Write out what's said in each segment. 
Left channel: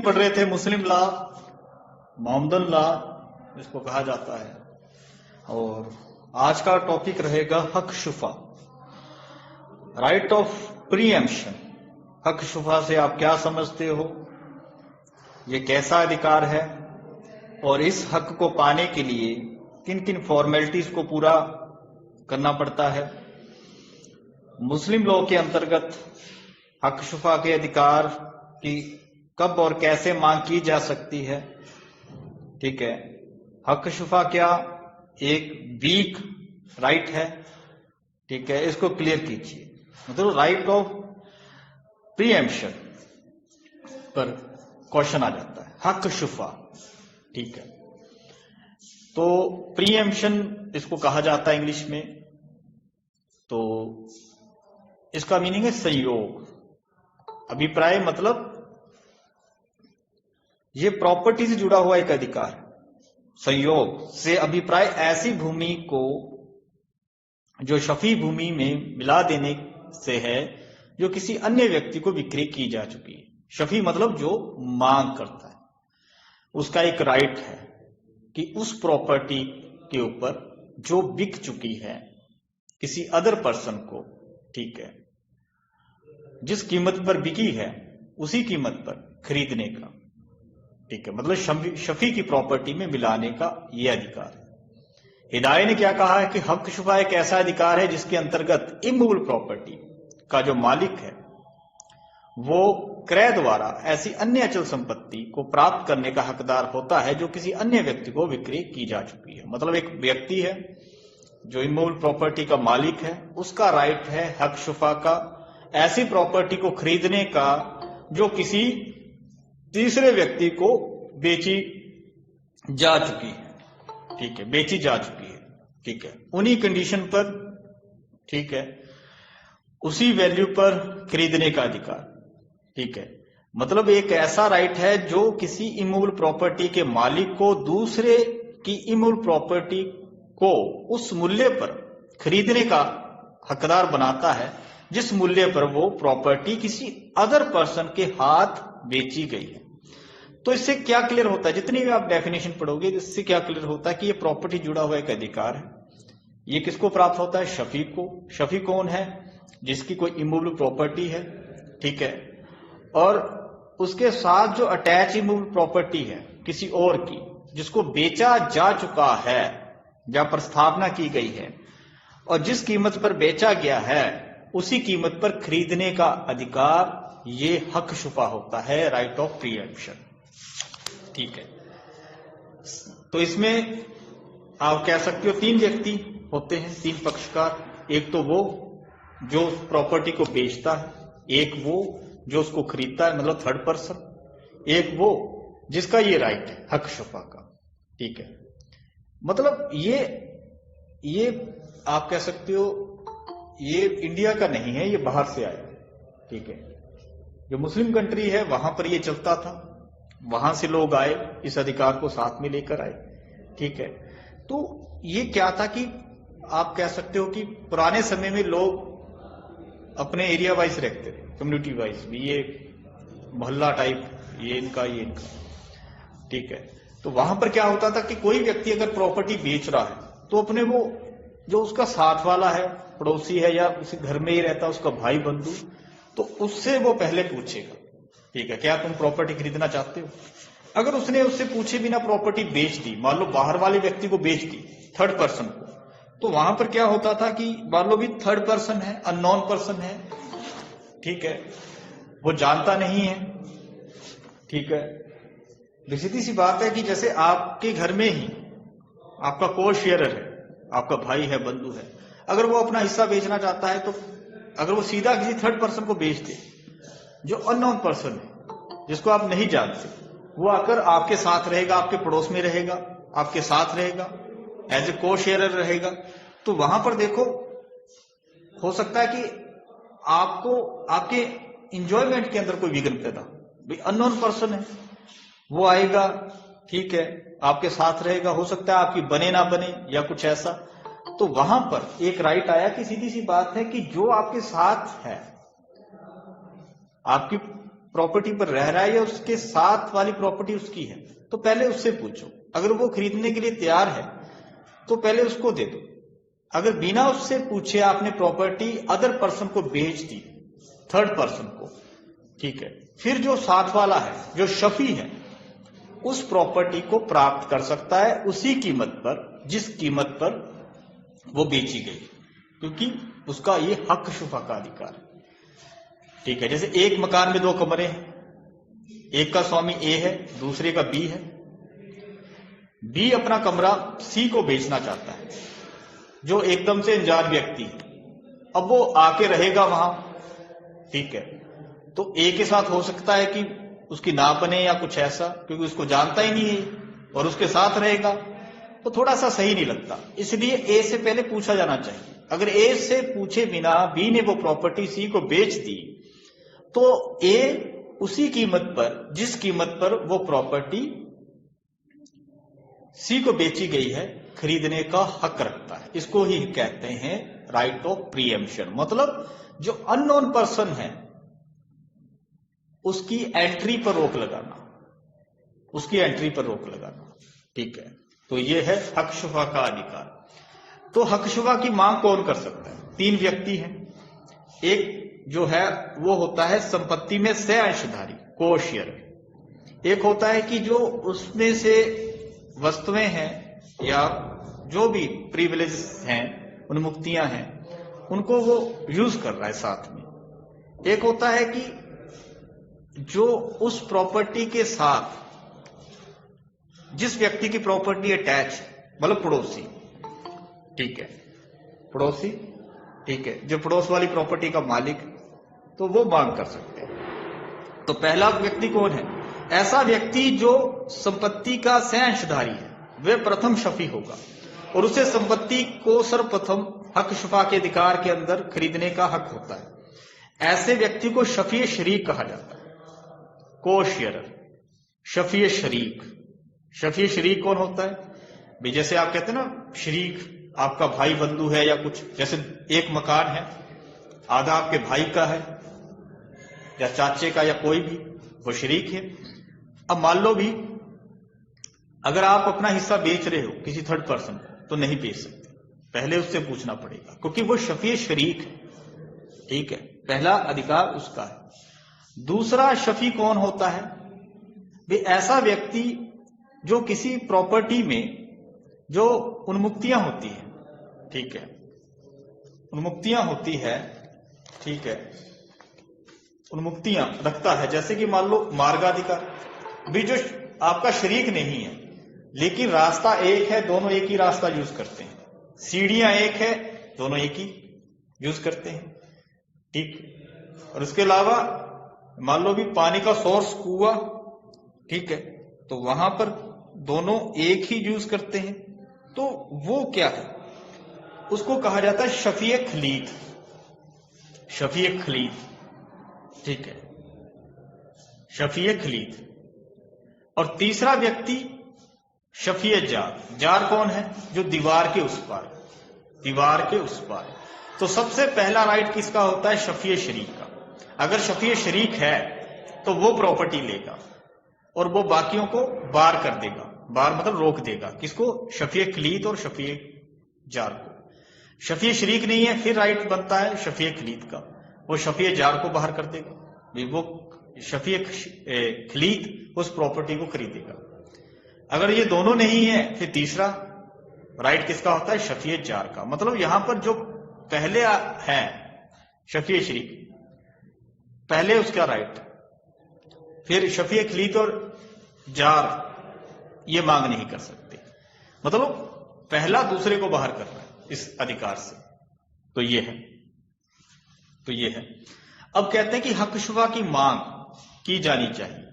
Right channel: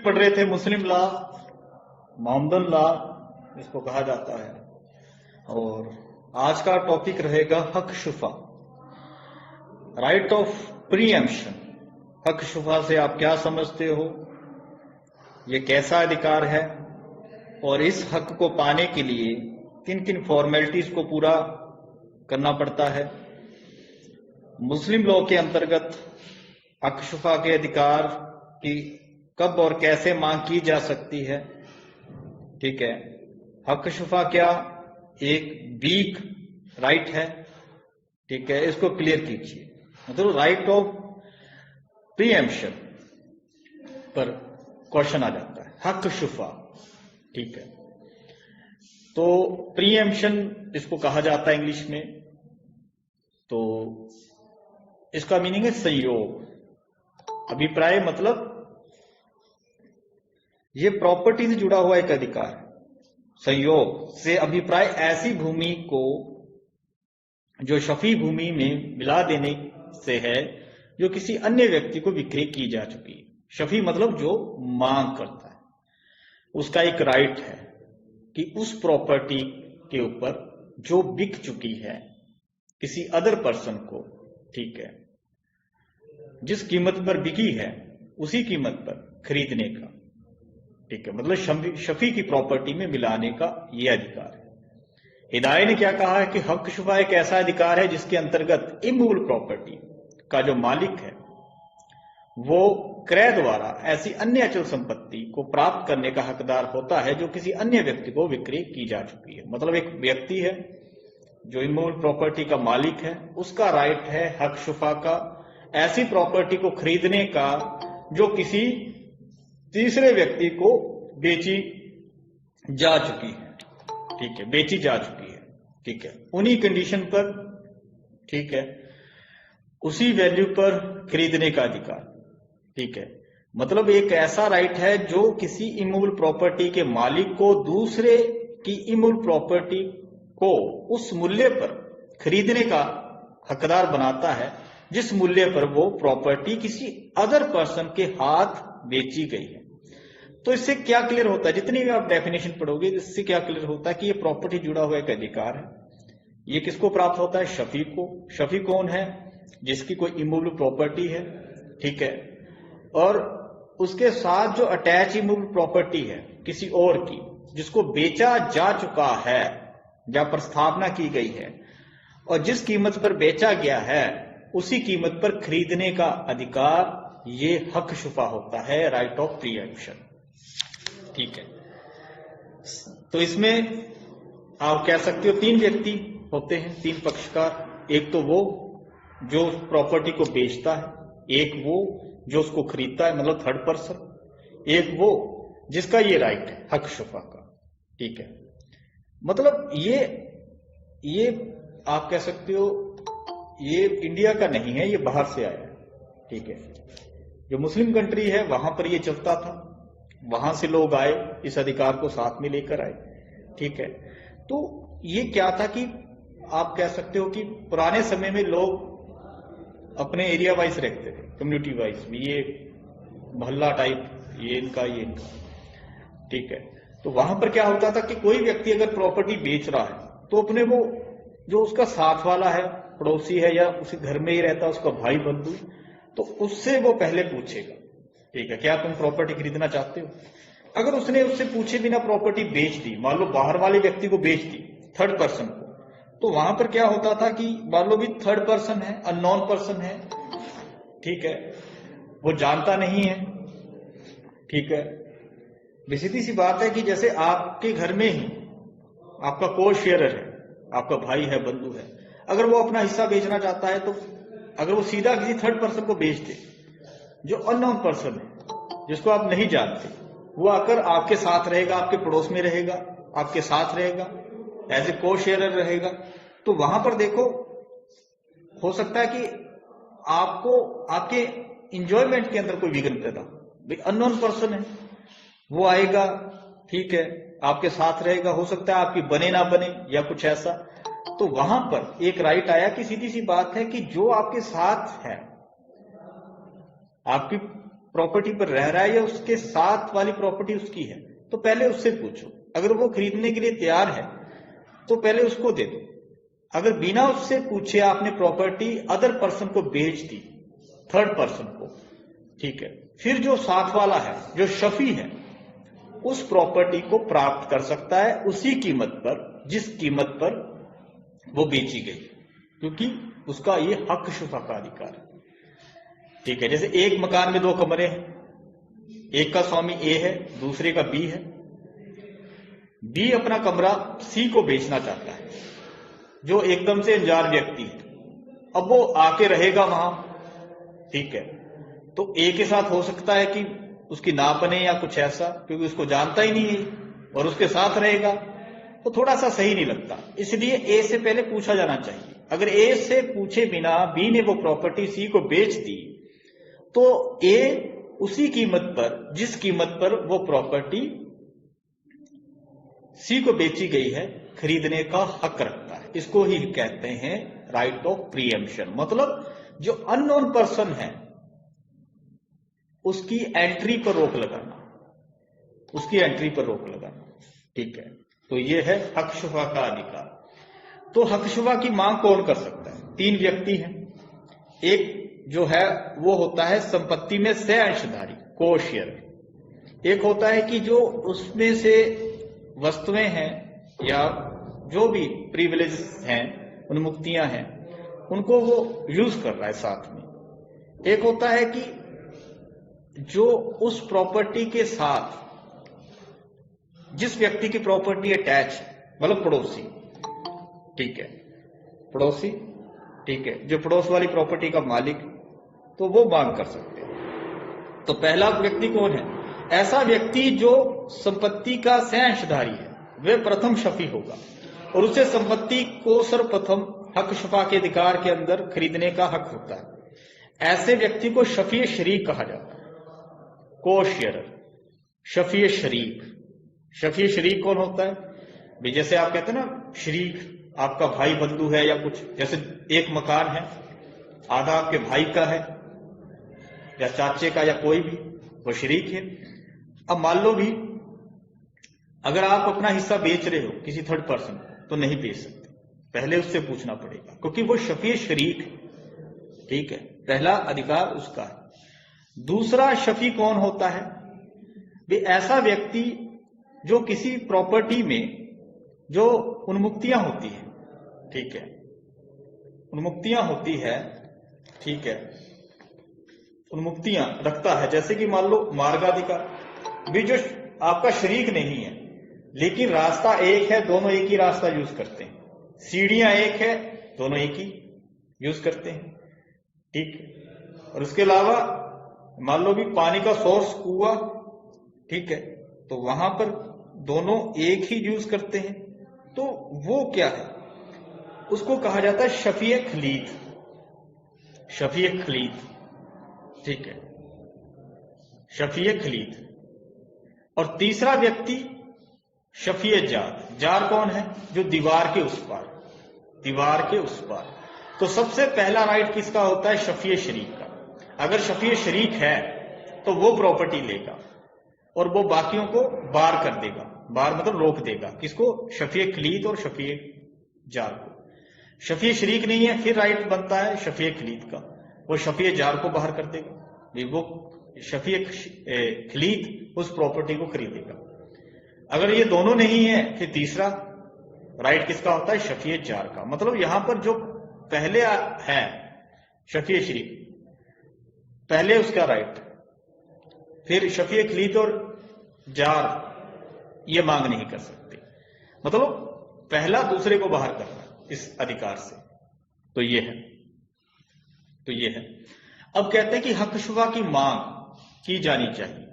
पढ़ रहे थे मुस्लिम लॉ, मोहम्मदन लॉ इसको कहा जाता है। और आज का टॉपिक रहेगा हक शुफा, राइट ऑफ प्रीएम्पशन। हक शुफा से आप क्या समझते हो, ये कैसा अधिकार है और इस हक को पाने के लिए किन किन फॉर्मेलिटीज को पूरा करना पड़ता है। मुस्लिम लॉ के अंतर्गत हक शुफा के अधिकार की कब और कैसे मांग की जा सकती है। ठीक है, हक शुफा क्या एक वीक राइट है। ठीक है, इसको क्लियर कीजिए। मतलब राइट ऑफ प्रीएम्पशन पर क्वेश्चन आ जाता है, हक शुफा। ठीक है, तो प्रीएम्पशन इसको कहा जाता है इंग्लिश में। तो इसका मीनिंग है संयोग, अभिप्राय, मतलब ये प्रॉपर्टी से जुड़ा हुआ एक अधिकार है। संयोग से अभिप्राय ऐसी भूमि को जो शफी भूमि में मिला देने से है जो किसी अन्य व्यक्ति को विक्रय की जा चुकी है। शफी मतलब जो मांग करता है, उसका एक राइट है कि उस प्रॉपर्टी के ऊपर जो बिक चुकी है किसी अदर पर्सन को, ठीक है, जिस कीमत पर बिकी है उसी कीमत पर खरीदने का। ठीक है, मतलब शफी की प्रॉपर्टी में मिलाने का यह अधिकार है। हिदायत ने क्या कहा है कि हक शुफा एक ऐसा अधिकार है जिसके अंतर्गत इमूवेबल प्रॉपर्टी का जो मालिक है वो क्रय द्वारा ऐसी अन्य अचल संपत्ति को प्राप्त करने का हकदार होता है जो किसी अन्य व्यक्ति को विक्रय की जा चुकी है। मतलब एक व्यक्ति है जो इमूवेबल प्रॉपर्टी का मालिक है, उसका राइट है हक शुफा का ऐसी प्रॉपर्टी को खरीदने का जो किसी तीसरे व्यक्ति को बेची जा चुकी है। ठीक है, बेची जा चुकी है। ठीक है, उन्हीं कंडीशन पर, ठीक है, उसी वैल्यू पर खरीदने का अधिकार। ठीक है, मतलब एक ऐसा राइट है जो किसी इमूवेबल प्रॉपर्टी के मालिक को दूसरे की इमूवेबल प्रॉपर्टी को उस मूल्य पर खरीदने का हकदार बनाता है जिस मूल्य पर वो प्रॉपर्टी किसी अदर पर्सन के हाथ बेची गई है। तो इससे क्या क्लियर होता है, जितनी भी आप डेफिनेशन पढ़ोगे इससे क्या क्लियर होता है कि ये प्रॉपर्टी जुड़ा हुआ एक अधिकार है। ये किसको प्राप्त होता है, शफी को। शफी कौन है, जिसकी कोई इमूवेबल प्रॉपर्टी है। ठीक है, और उसके साथ जो अटैच इमूवेबल प्रॉपर्टी है किसी और की जिसको बेचा जा चुका है या प्रस्थापना की गई है और जिस कीमत पर बेचा गया है उसी कीमत पर खरीदने का अधिकार, ये हक शुफा होता है, राइट ऑफ प्रीएम्पशन। ठीक है, तो इसमें आप कह सकते हो तीन व्यक्ति होते हैं, तीन पक्षकार। एक तो वो जो प्रॉपर्टी को बेचता है, एक वो जो उसको खरीदता है मतलब थर्ड पर्सन, एक वो जिसका ये राइट है हक शुफा का। ठीक है, मतलब ये आप कह सकते हो ये इंडिया का नहीं है, ये बाहर से आया है। ठीक है, जो मुस्लिम कंट्री है वहां पर ये चलता था, वहां से लोग आए, इस अधिकार को साथ में लेकर आए। ठीक है, तो ये क्या था कि आप कह सकते हो कि पुराने समय में लोग अपने एरिया वाइज रहते थे, कम्युनिटी वाइज, ये मोहल्ला टाइप, ये इनका ये इनका। ठीक है, तो वहां पर क्या होता था कि कोई व्यक्ति अगर प्रॉपर्टी बेच रहा है तो अपने वो जो उसका साथ वाला है, पड़ोसी है या उसी घर में ही रहता है, उसका भाई बंधु, तो उससे वो पहले पूछेगा, ठीक है, क्या तुम प्रॉपर्टी खरीदना चाहते हो। अगर उसने उससे पूछे बिना प्रॉपर्टी बेच दी, मान लो बाहर वाले व्यक्ति को बेच दी, थर्ड पर्सन को, तो वहां पर क्या होता था कि मान लो भी थर्ड पर्सन है, अननोन पर्सन है। ठीक है, वो जानता नहीं है। ठीक है, सीधी सी बात है कि जैसे आपके घर में ही आपका को शेयरर है, आपका भाई है, बंधु है, अगर वो अपना हिस्सा बेचना चाहता है तो अगर वो सीधा किसी थर्ड पर्सन को बेच दे जो अननोन पर्सन है, जिसको आप नहीं जानते, वो आकर आपके साथ रहेगा, आपके पड़ोस में रहेगा, आपके साथ रहेगा, एज ए को शेयरर रहेगा, तो वहां पर देखो हो सकता है कि आपको आपके इंजॉयमेंट के अंदर कोई विघ्न पैदा। भाई अननोन पर्सन है, वो आएगा, ठीक है, आपके साथ रहेगा, हो सकता है आपकी बने ना बने या कुछ ऐसा। तो वहां पर एक राइट आया कि सीधी सी बात है कि जो आपके साथ है, आपकी प्रॉपर्टी पर रह रहा है या उसके साथ वाली प्रॉपर्टी उसकी है, तो पहले उससे पूछो। अगर वो खरीदने के लिए तैयार है तो पहले उसको दे दो। अगर बिना उससे पूछे आपने प्रॉपर्टी अदर पर्सन को बेच दी, थर्ड पर्सन को, ठीक है, फिर जो साथ वाला है, जो शफी है, उस प्रॉपर्टी को प्राप्त कर सकता है उसी कीमत पर जिस कीमत पर वो बेची गई, क्योंकि उसका ये हक शुफा का अधिकार है। ठीक है, जैसे एक मकान में 2 कमरे हैं, एक का स्वामी ए है, दूसरे का बी है। बी अपना कमरा सी को बेचना चाहता है, जो एकदम से अनजान व्यक्ति है। अब वो आके रहेगा वहां, ठीक है, तो ए के साथ हो सकता है कि उसकी ना बने या कुछ ऐसा, क्योंकि उसको जानता ही नहीं है और उसके साथ रहेगा, तो थोड़ा सा सही नहीं लगता। इसलिए ए से पहले पूछा जाना चाहिए। अगर ए से पूछे बिना बी ने वो प्रॉपर्टी सी को बेच दी, तो ए उसी कीमत पर जिस कीमत पर वो प्रॉपर्टी सी को बेची गई है खरीदने का हक रखता है। इसको ही कहते हैं राइट ऑफ प्रीएम्पशन। मतलब जो अननोन पर्सन है उसकी एंट्री पर रोक लगाना, उसकी एंट्री पर रोक लगाना। ठीक है, तो ये है हक शुफा का अधिकार। तो हक शुफा की मांग कौन कर सकता है? 3 व्यक्ति हैं। एक जो है वो होता है संपत्ति में से अंशधारी, को शेयर। एक होता है कि जो उसमें से वस्तुएं हैं या जो भी प्रिविलेज हैं, उन्मुक्तियां हैं, उनको वो यूज कर रहा है साथ में। एक होता है कि जो उस प्रॉपर्टी के साथ जिस व्यक्ति की प्रॉपर्टी अटैच, मतलब पड़ोसी, ठीक है, पड़ोसी, ठीक है, जो पड़ोस वाली प्रॉपर्टी का मालिक, तो वो मांग कर सकते हैं। तो पहला व्यक्ति कौन है? ऐसा व्यक्ति जो संपत्ति का सहअंशधारी है, वह प्रथम शफी होगा और उसे संपत्ति को सर्वप्रथम हक शुफा के अधिकार के अंदर खरीदने का हक होता है। ऐसे व्यक्ति को शफी शरीक कहा जाता है, को शेयरर, शफी शरीक। शफी शरीक कौन होता है भाई? जैसे आप कहते हैं ना, शरीक आपका भाई बंधु है या कुछ, जैसे एक मकान है, आधा आपके भाई का है या चाचे का या कोई भी, वो शरीक है। अब मान लो भी अगर आप अपना हिस्सा बेच रहे हो किसी थर्ड पर्सन को, तो नहीं बेच सकते, पहले उससे पूछना पड़ेगा, क्योंकि वो शफी शरीक है। ठीक है, पहला अधिकार उसका है। दूसरा शफी कौन होता है भाई? ऐसा व्यक्ति जो किसी प्रॉपर्टी में जो उन्मुक्तियां होती है, ठीक है, उन्मुक्तियां होती है, ठीक है, उन्मुक्तियां रखता है। जैसे कि मान लो मार्गाधिकार भी, जो आपका शरीक नहीं है लेकिन रास्ता एक है, दोनों एक ही रास्ता यूज करते हैं। सीढ़ियां एक है, दोनों एक ही यूज करते हैं। ठीक, और उसके अलावा मान लो भी पानी का सोर्स कुआं, ठीक है, तो वहां पर दोनों एक ही यूज करते हैं, तो वो क्या है? उसको कहा जाता है शफी खलीद, शफी खलीद। ठीक है, शफी खलीद। और तीसरा व्यक्ति शफी जार। जार कौन है? जो दीवार के उस पार, दीवार के उस पार। तो सबसे पहला राइट किसका होता है? शफी शरीक का। अगर शफी शरीक है तो वो प्रॉपर्टी लेगा और वो बाकियों को बार कर देगा। बार मतलब रोक देगा, किसको? शफी खलीद और शफी जार को। शफी शरीक नहीं है, फिर राइट बनता है शफी खलीद का, वो शफी जार को बाहर कर देगा, वो शफी खलीद उस प्रॉपर्टी को खरीदेगा। अगर ये दोनों नहीं है, फिर तीसरा राइट किसका होता है? शफी जार का। मतलब यहां पर जो पहले है शफी शरीक, पहले उसका राइट, फिर शफी खलीद और जार ये मांग नहीं कर सकते। मतलब पहला दूसरे को बाहर करना इस अधिकार से। तो ये है, तो ये है। अब कहते हैं कि हक शुफा की मांग की जानी चाहिए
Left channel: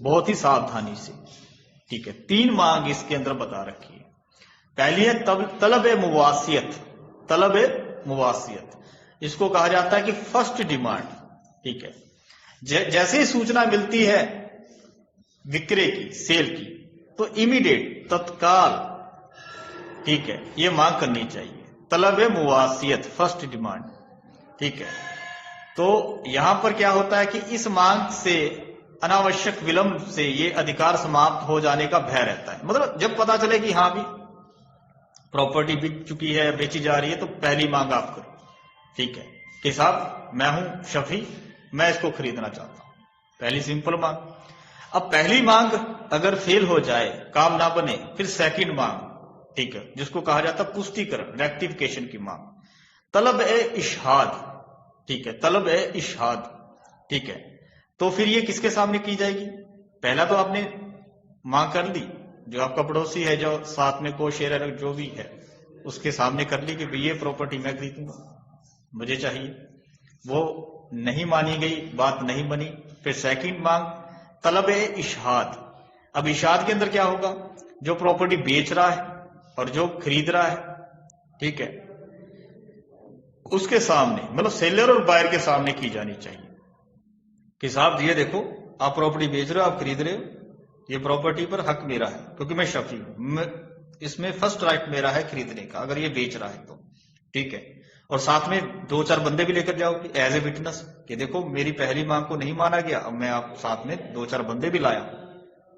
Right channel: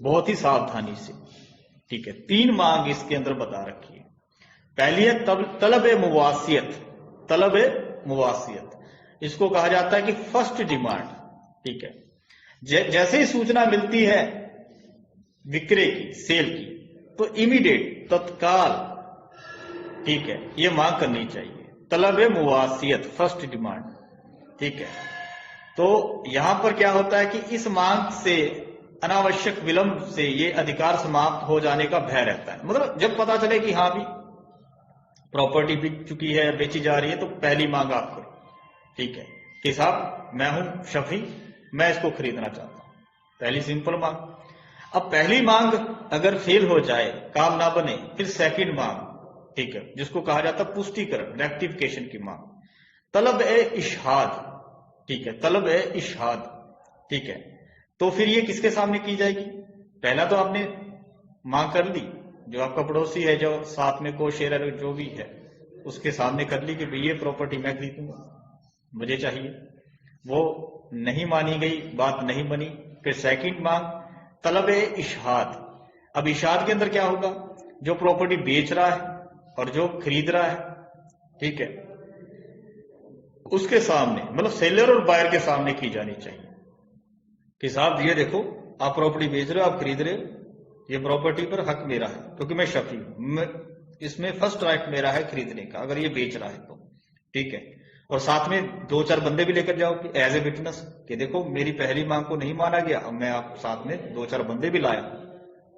बहुत ही सावधानी से। ठीक है, 3 मांग इसके अंदर बता रखी है। पहली है तलब मुवासियत, तलब मुवासियत। इसको कहा जाता है कि फर्स्ट डिमांड। ठीक है, जैसे ही सूचना मिलती है विक्रय की, सेल की, तो इमीडिएट, तत्काल, ठीक है, ये मांग करनी चाहिए। तलब मुवासियत, फर्स्ट डिमांड। ठीक है, तो यहां पर क्या होता है कि इस मांग से अनावश्यक विलंब से ये अधिकार समाप्त हो जाने का भय रहता है। मतलब जब पता चले कि हाँ भी प्रॉपर्टी बिक चुकी है, बेची जा रही है, तो पहली मांग आप करो, ठीक है कि साहब मैं हूं शफी, मैं इसको खरीदना चाहता हूं, पहली सिंपल मांग। अब पहली मांग अगर फेल हो जाए, काम ना बने, फिर सेकंड मांग, ठीक है, जिसको कहा जाता है पुष्टिकरण, रेक्टिफिकेशन की मांग, तलब ए इशहाद, ठीक है, तलब ए इशहाद, ठीक है। तो फिर ये किसके सामने की जाएगी? पहला तो आपने मांग कर ली, जो आपका पड़ोसी है, जो साथ में को शेयर जो भी है, उसके सामने कर ली कि भाई ये प्रॉपर्टी मैं खरीदूंगा, मुझे चाहिए। वो नहीं मानी गई, बात नहीं बनी। फिर सेकंड मांग तलब ए इशहाद। अब इशहाद के अंदर क्या होगा? जो प्रॉपर्टी बेच रहा है और जो खरीद रहा है, ठीक है, उसके सामने, मतलब सेलर और बायर के सामने की जानी चाहिए कि साहब ये देखो, आप प्रॉपर्टी बेच रहे हो, आप खरीद रहे हो, ये प्रॉपर्टी पर हक मेरा है क्योंकि मैं शफी हूं, इसमें फर्स्ट राइट मेरा है खरीदने का, अगर ये बेच रहा है तो, ठीक है। और साथ में 2-4 बंदे भी लेकर जाओगे एज ए विटनेस कि देखो मेरी पहली मांग को नहीं माना गया, अब मैं आप साथ में 2-4 बंदे भी लाया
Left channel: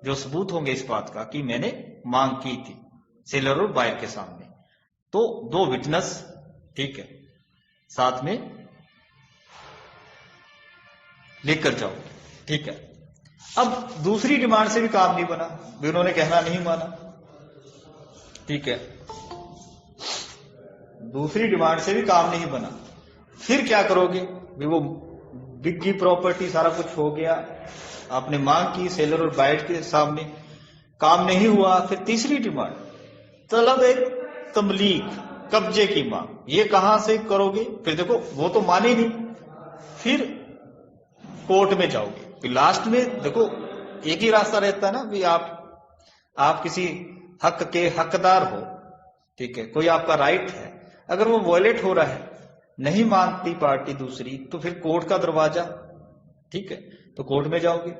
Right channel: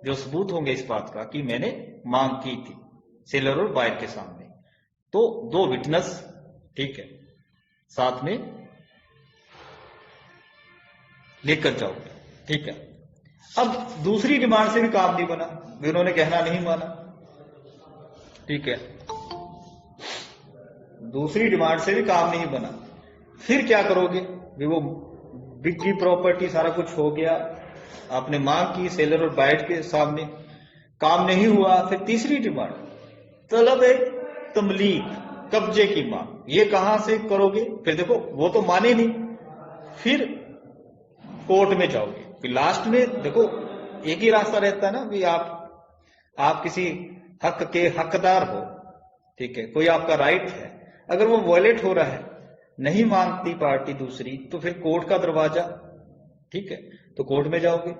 जो सबूत होंगे इस बात का कि मैंने मांग की थी सेलर और बायर के सामने। तो 2 विटनेस, ठीक है, साथ में लेकर जाओगे, ठीक है। अब दूसरी डिमांड से भी काम नहीं बना, उन्होंने कहना नहीं माना, ठीक है, दूसरी डिमांड से भी काम नहीं बना, फिर क्या करोगे? वो बिक गई प्रॉपर्टी, सारा कुछ हो गया, आपने मांग की सेलर और बायर के सामने, काम नहीं हुआ। फिर तीसरी डिमांड तलब एक तमलीक, कब्जे की मांग, ये कहां से करोगे? फिर देखो वो तो माने नहीं, फिर कोर्ट में जाओगे। फिर लास्ट में देखो एक ही रास्ता रहता है ना कि आप किसी हक के हकदार हो, ठीक है, कोई आपका राइट है, अगर वो वॉयलेट हो रहा है, नहीं मानती पार्टी दूसरी, तो फिर कोर्ट का दरवाजा, ठीक है, तो कोर्ट में जाओगे,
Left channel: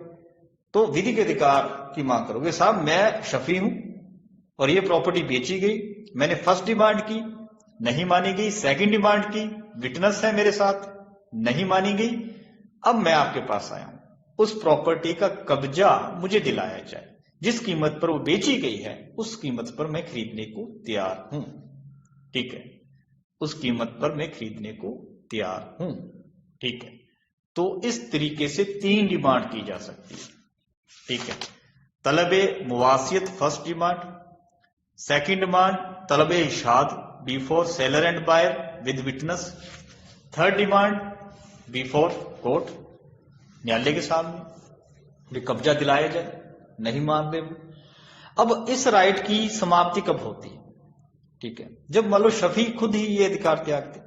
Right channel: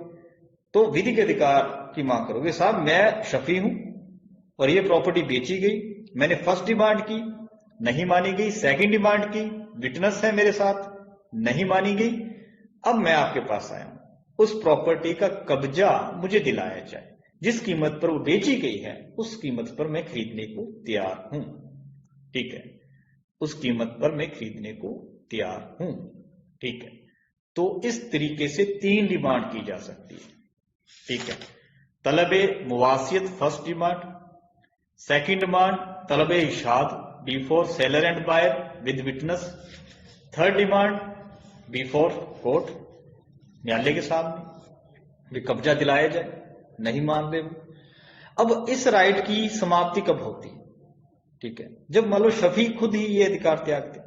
तो विधिक अधिकार की मांग करोगे। साहब मैं शफी हूं और ये प्रॉपर्टी बेची गई, मैंने फर्स्ट डिमांड की, नहीं मानी गई, सेकंड डिमांड की, विटनेस है मेरे साथ, नहीं मानी गई, अब मैं आपके पास आया हूं, उस प्रॉपर्टी का कब्जा मुझे दिलाया जाए, जिस कीमत पर वो बेची गई है उस कीमत पर मैं खरीदने को तैयार हूं, ठीक है, उस कीमत पर मैं खरीदने को तैयार हूं, ठीक है। तो इस तरीके से 3 डिमांड की जा सकती है, ठीक है। तलबे मुवासियत फर्स्ट डिमांड, सेकंड डिमांड तलबे इशाद before seller and buyer with witness, third demand before court, न्यायालय के सामने कब्जा दिलाया जाए, नहीं मान दे। अब इस राइट की समाप्ति कब होती है? ठीक है, जब मान लो शफी खुद ही ये अधिकार त्याग दे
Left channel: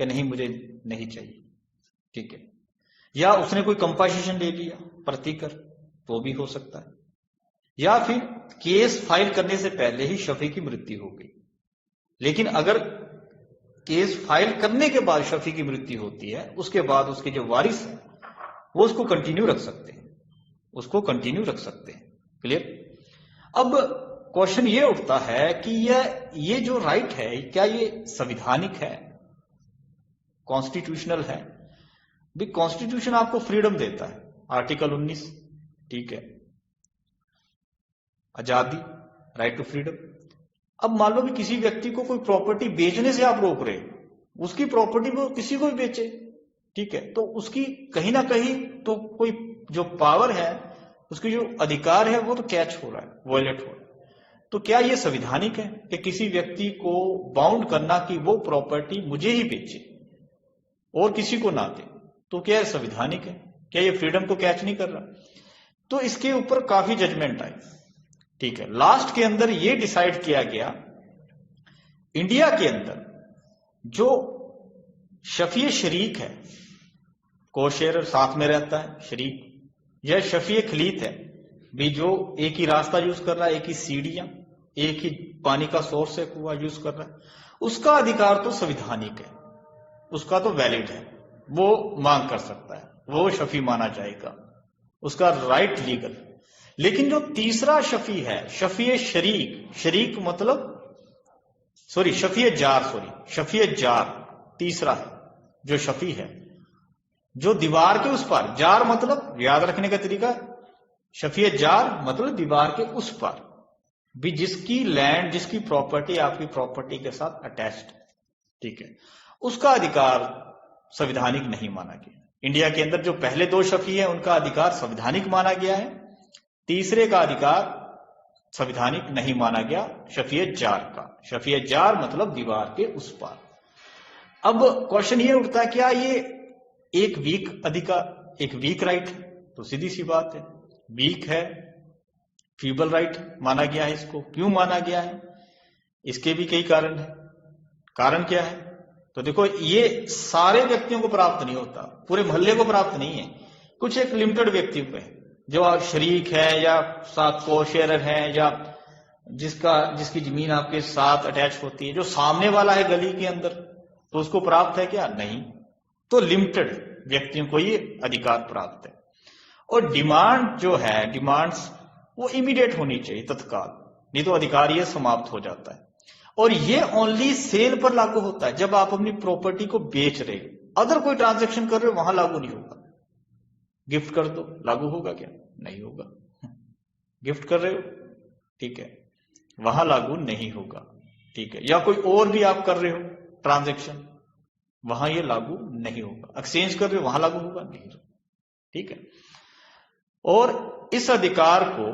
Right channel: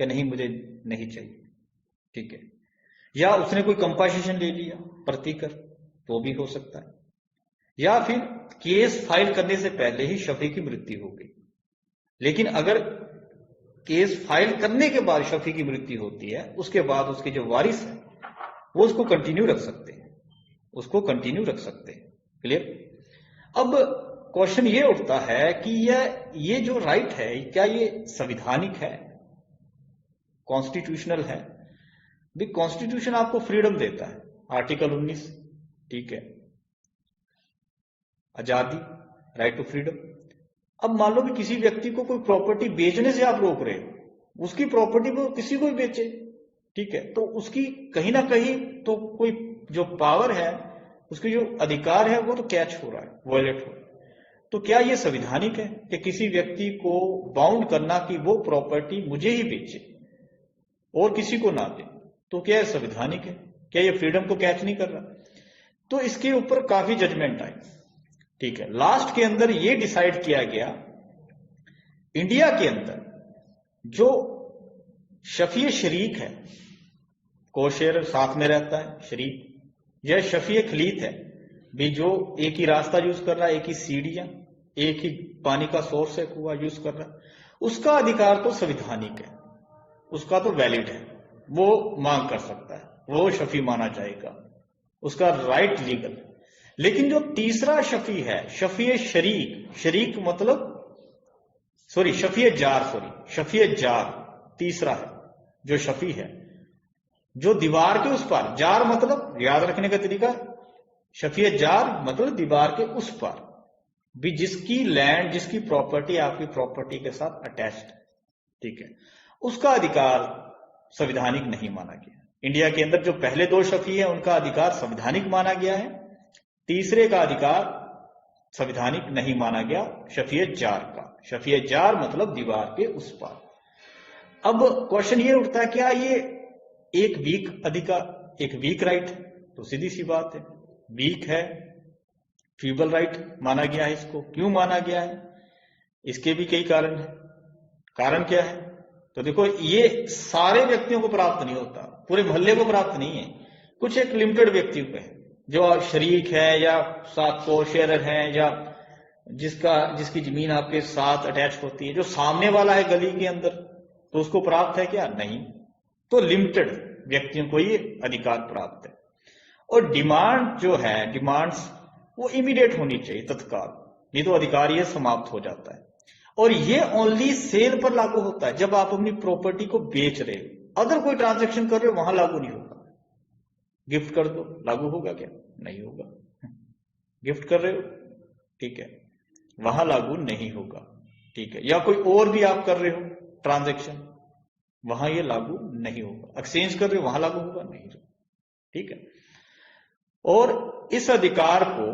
कि नहीं मुझे नहीं चाहिए, ठीक है, या उसने कोई कंपनसेशन ले लिया प्रतिकर, तो भी हो सकता है, या फिर केस फाइल करने से पहले ही शफी की मृत्यु हो गई। लेकिन अगर केस फाइल करने के बाद शफी की मृत्यु होती है, उसके बाद उसके जो वारिस है वो उसको कंटिन्यू रख सकते हैं, उसको कंटिन्यू रख सकते हैं। क्लियर? अब क्वेश्चन ये उठता है कि ये जो राइट है क्या ये संवैधानिक है, कॉन्स्टिट्यूशनल है? भी कॉन्स्टिट्यूशन आपको फ्रीडम देता है, आर्टिकल 19, ठीक है, आजादी, राइट टू फ्रीडम। अब मान लो भी किसी व्यक्ति को कोई प्रॉपर्टी बेचने से आप रोक रहे, उसकी प्रॉपर्टी को किसी को भी बेचे, ठीक है, तो उसकी कहीं ना कहीं तो कोई जो पावर है, उसकी जो अधिकार है वो तो कैच हो रहा है, वायलेट हो रहा है। तो क्या ये संवैधानिक है कि किसी व्यक्ति को बाउंड करना कि वो प्रॉपर्टी मुझे ही बेचे और किसी को ना दे? तो क्या संवैधानिक है? क्या ये फ्रीडम को कैच नहीं कर रहा? तो इसके ऊपर काफी जजमेंट आई, ठीक है। लास्ट के अंदर ये डिसाइड किया गया, इंडिया के अंदर जो शफी शरीक है, कोशेयर साथ में रहता है शरीक, यह शफी खलीत है भी, जो एक ही रास्ता यूज कर रहा है, एक ही सीढ़ियां, एक ही पानी का सोर्स है, कुआं यूज कर रहा है, उसका अधिकार तो संवैधानिक है, उसका तो वैलिड है, वो मांग कर सकता है, वो शफी माना जाएगा, उसका राइट लीगल। लेकिन जो तीसरा शफी है, शफी शरीक, शरीक मतलब शफी जार, तीसरा है जो शफी है, जो दीवार के उस पार, जार मतलब याद रखने का तरीका है, शफी जार मतलब दीवार के उस पार भी जिसकी लैंड, जिसकी प्रॉपर्टी आपकी प्रॉपर्टी के साथ अटैच्ड, ठीक है, उसका अधिकार संवैधानिक नहीं माना गया। इंडिया के अंदर जो पहले 2 शफी है उनका अधिकार संवैधानिक माना गया है, तीसरे का अधिकार संवैधानिक नहीं माना गया, शफी जार का। शफी जार मतलब दीवार के उस पार। अब क्वेश्चन ये उठता है, क्या ये एक वीक अधिकार, एक वीक राइट है? तो सीधी सी बात है, वीक है, फीबल राइट माना गया है। इसको क्यों माना गया है? इसके भी कई कारण है। कारण क्या है? तो देखो, ये सारे व्यक्तियों को प्राप्त नहीं होता, पूरे मोहल्ले को प्राप्त नहीं है, कुछ एक लिमिटेड व्यक्ति को है, जो शरीक है या साथ को शेयर है, या जिसकी जमीन आपके साथ अटैच होती है, जो सामने वाला है गली के अंदर, तो उसको प्राप्त है क्या? नहीं। तो लिमिटेड व्यक्तियों को ये अधिकार प्राप्त है। और डिमांड जो है, डिमांड्स वो इमीडिएट होनी चाहिए, तत्काल, नहीं तो अधिकार ये समाप्त हो जाता है। और ये ओनली सेल पर लागू होता है, जब आप अपनी प्रॉपर्टी को बेच रहे हो। अदर कोई ट्रांजैक्शन कर रहे हो वहां लागू नहीं होगा। गिफ्ट कर दो, लागू होगा क्या? नहीं होगा। गिफ्ट कर रहे हो, ठीक है, वहां लागू नहीं होगा, ठीक है। या कोई और भी आप कर रहे हो ट्रांजैक्शन, वहां ये लागू नहीं होगा। एक्सचेंज कर रहे हो, वहां लागू होगा नहीं, ठीक है। और इस अधिकार को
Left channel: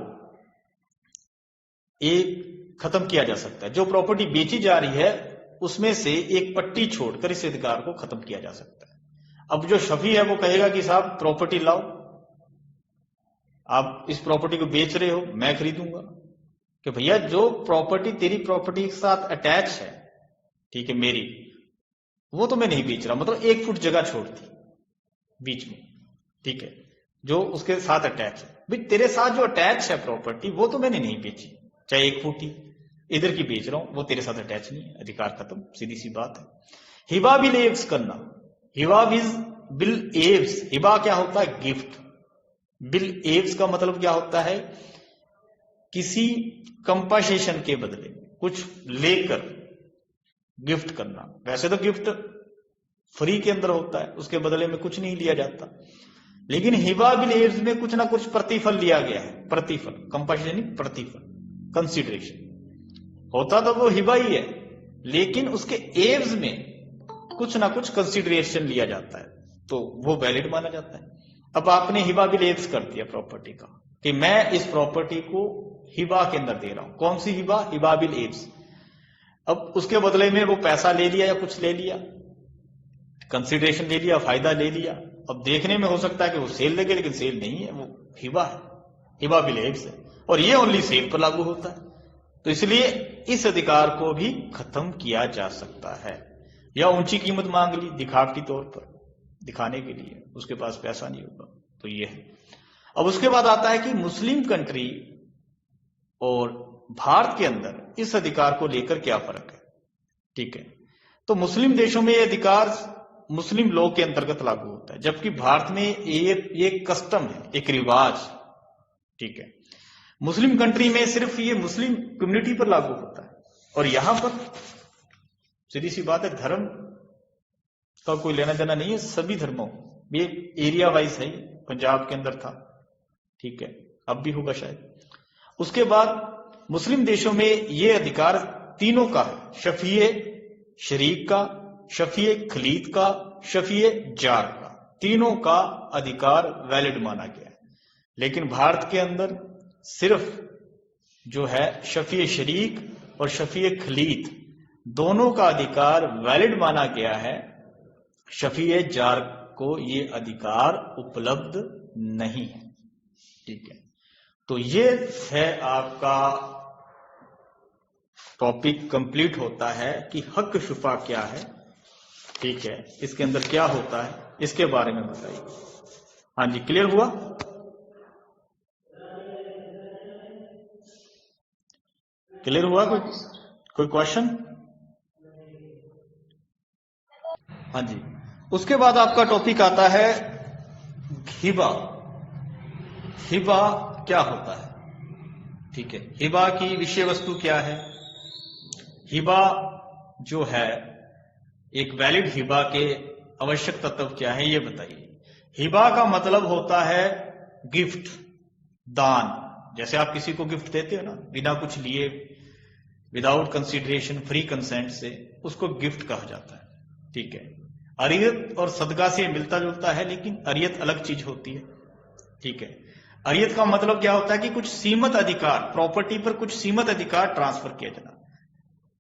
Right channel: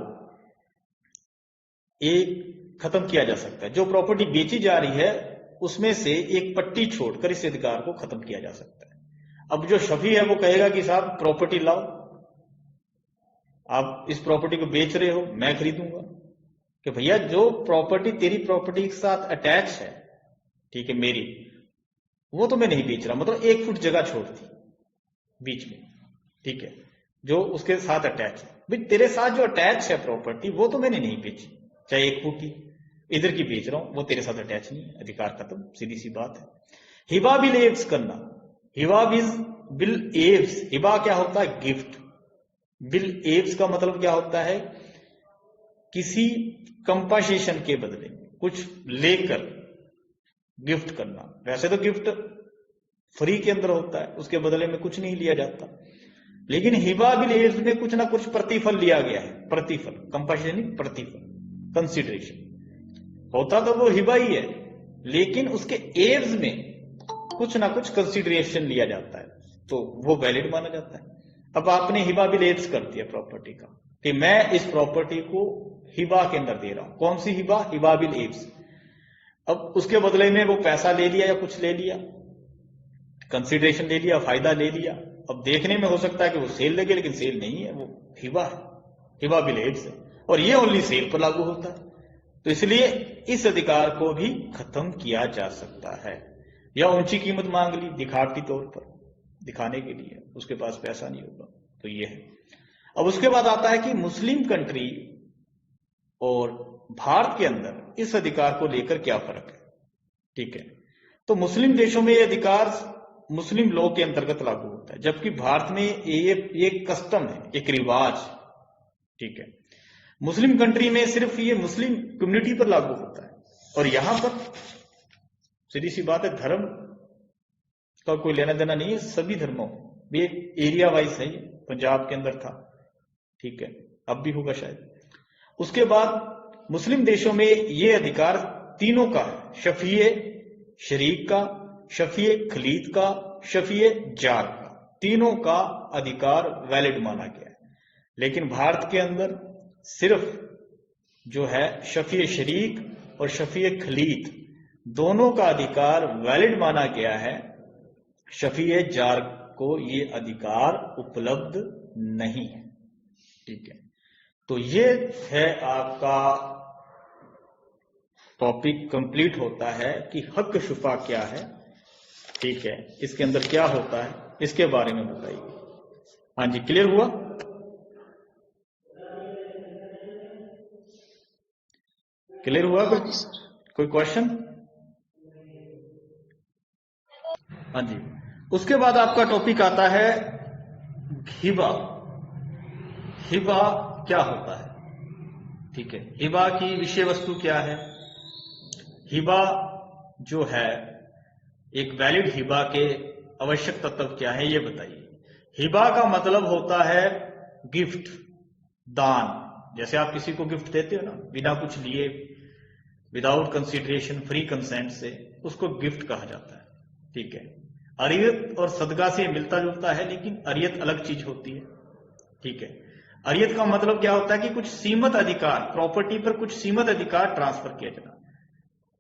एक खत्म किया जा सकता है। जो प्रॉपर्टी बेची जा रही है उसमें से एक पट्टी छोड़कर इस अधिकार को खत्म किया जा सकता है। अब जो शफी है वो कहेगा कि साहब प्रॉपर्टी लाओ, आप इस प्रॉपर्टी को बेच रहे हो, मैं खरीदूंगा। कि भैया जो प्रॉपर्टी तेरी प्रॉपर्टी के साथ अटैच है, ठीक है, मेरी, वो तो मैं नहीं बेच रहा, मतलब 1 फुट जगह छोड़ दी बीच में, ठीक है, जो उसके साथ अटैच है। भाई तेरे साथ जो अटैच है प्रॉपर्टी, वो तो मैंने नहीं बेची, चाहे 1 फुट ही इधर की बेच रहा हूं, वो तेरे साथ अटैच नहीं है, अधिकार खत्म, सीधी सी बात है। हिबा बिल एव्स करना, हिबा बिल एव्स, हिबा क्या होता है? गिफ्ट। बिल एव्स का मतलब क्या होता है? किसी कंपनसेशन के बदले कुछ लेकर गिफ्ट करना। वैसे तो गिफ्ट फ्री के अंदर होता है, उसके बदले में कुछ नहीं लिया जाता, लेकिन हिबा बिल एव्स में कुछ ना कुछ प्रतिफल लिया गया है। प्रतिफल, कंपनसेशन नहीं, प्रतिफल, कंसिडरेशन होता तो वो हिबा ही है, लेकिन उसके एव्स में कुछ ना कुछ कंसिडरेशन लिया जाता है, तो वो वैलिड माना जाता है। अब आपने हिबा बिल एव्स कर दिया प्रॉपर्टी का, कि मैं इस प्रॉपर्टी को हिबा के अंदर दे रहा हूं। कौन सी हिबा? हिबा बिल एव्स। अब उसके बदले में वो पैसा ले लिया या कुछ ले लिया, कंसिडरेशन ले लिया, फायदा ले लिया। अब देखने में हो सकता है कि वो सेल लगे, लेकिन सेल नहीं है, वो हिबा है, हिबा बिल एव्स है, और ये ओनली सेल पर लागू होता है। तो इसलिए इस अधिकार को भी खत्म किया जा सकता है। या ऊंची कीमत मांग ली दिखावटी तौर पर, दिखाने के लिए, उसके पास पैसा नहीं होगा, तो ये है। अब उसके बाद आता है कि मुस्लिम कंट्री और भारत के अंदर इस अधिकार को लेकर क्या फर्क है, ठीक है। तो मुस्लिम देशों में ये अधिकार मुस्लिम लॉ के अंतर्गत लागू होता है, जबकि भारत में ये कस्टम है, एक रिवाज, ठीक है। मुस्लिम कंट्री में सिर्फ ये मुस्लिम कम्युनिटी पर लागू होता है, और यहां पर सीधी सी बात है, धर्म का कोई लेना देना नहीं है, सभी धर्मों, ये एरिया वाइज है, पंजाब के अंदर था, ठीक है, अब भी होगा शायद। उसके बाद मुस्लिम देशों में ये अधिकार तीनों का है, शफीए शरीक का, शफीए खलीद का, शफीए जार का, तीनों का अधिकार वैलिड माना गया है। लेकिन भारत के अंदर सिर्फ जो है शफीए शरीक और शफीए खलीद, दोनों का अधिकार वैलिड माना गया है। शफीए जार को ये अधिकार उपलब्ध नहीं है, ठीक है। तो ये है आपका टॉपिक, कंप्लीट होता है कि हक शुफा क्या है, ठीक है, इसके अंदर क्या होता है, इसके बारे में बताइए। हाँ जी, क्लियर हुआ? क्लियर हुआ? कोई क्वेश्चन? हाँ जी। उसके बाद आपका टॉपिक आता है हिबा। हिबा क्या होता है, ठीक है, हिबा की विषय वस्तु क्या है, हिबा जो है एक वैलिड हिबा के आवश्यक तत्व क्या है, ये बताइए। हिबा का मतलब होता है गिफ्ट, दान। जैसे आप किसी को गिफ्ट देते हो ना, बिना कुछ लिए, विदाउट कंसिडरेशन, फ्री कंसेंट से, उसको गिफ्ट कहा जाता है। ठीक है, अरियत और सदका से मिलता जुलता है, लेकिन अरियत अलग चीज होती है। ठीक है, अरियत का मतलब क्या होता है कि कुछ सीमित अधिकार, प्रॉपर्टी पर कुछ सीमित अधिकार ट्रांसफर किया जाना।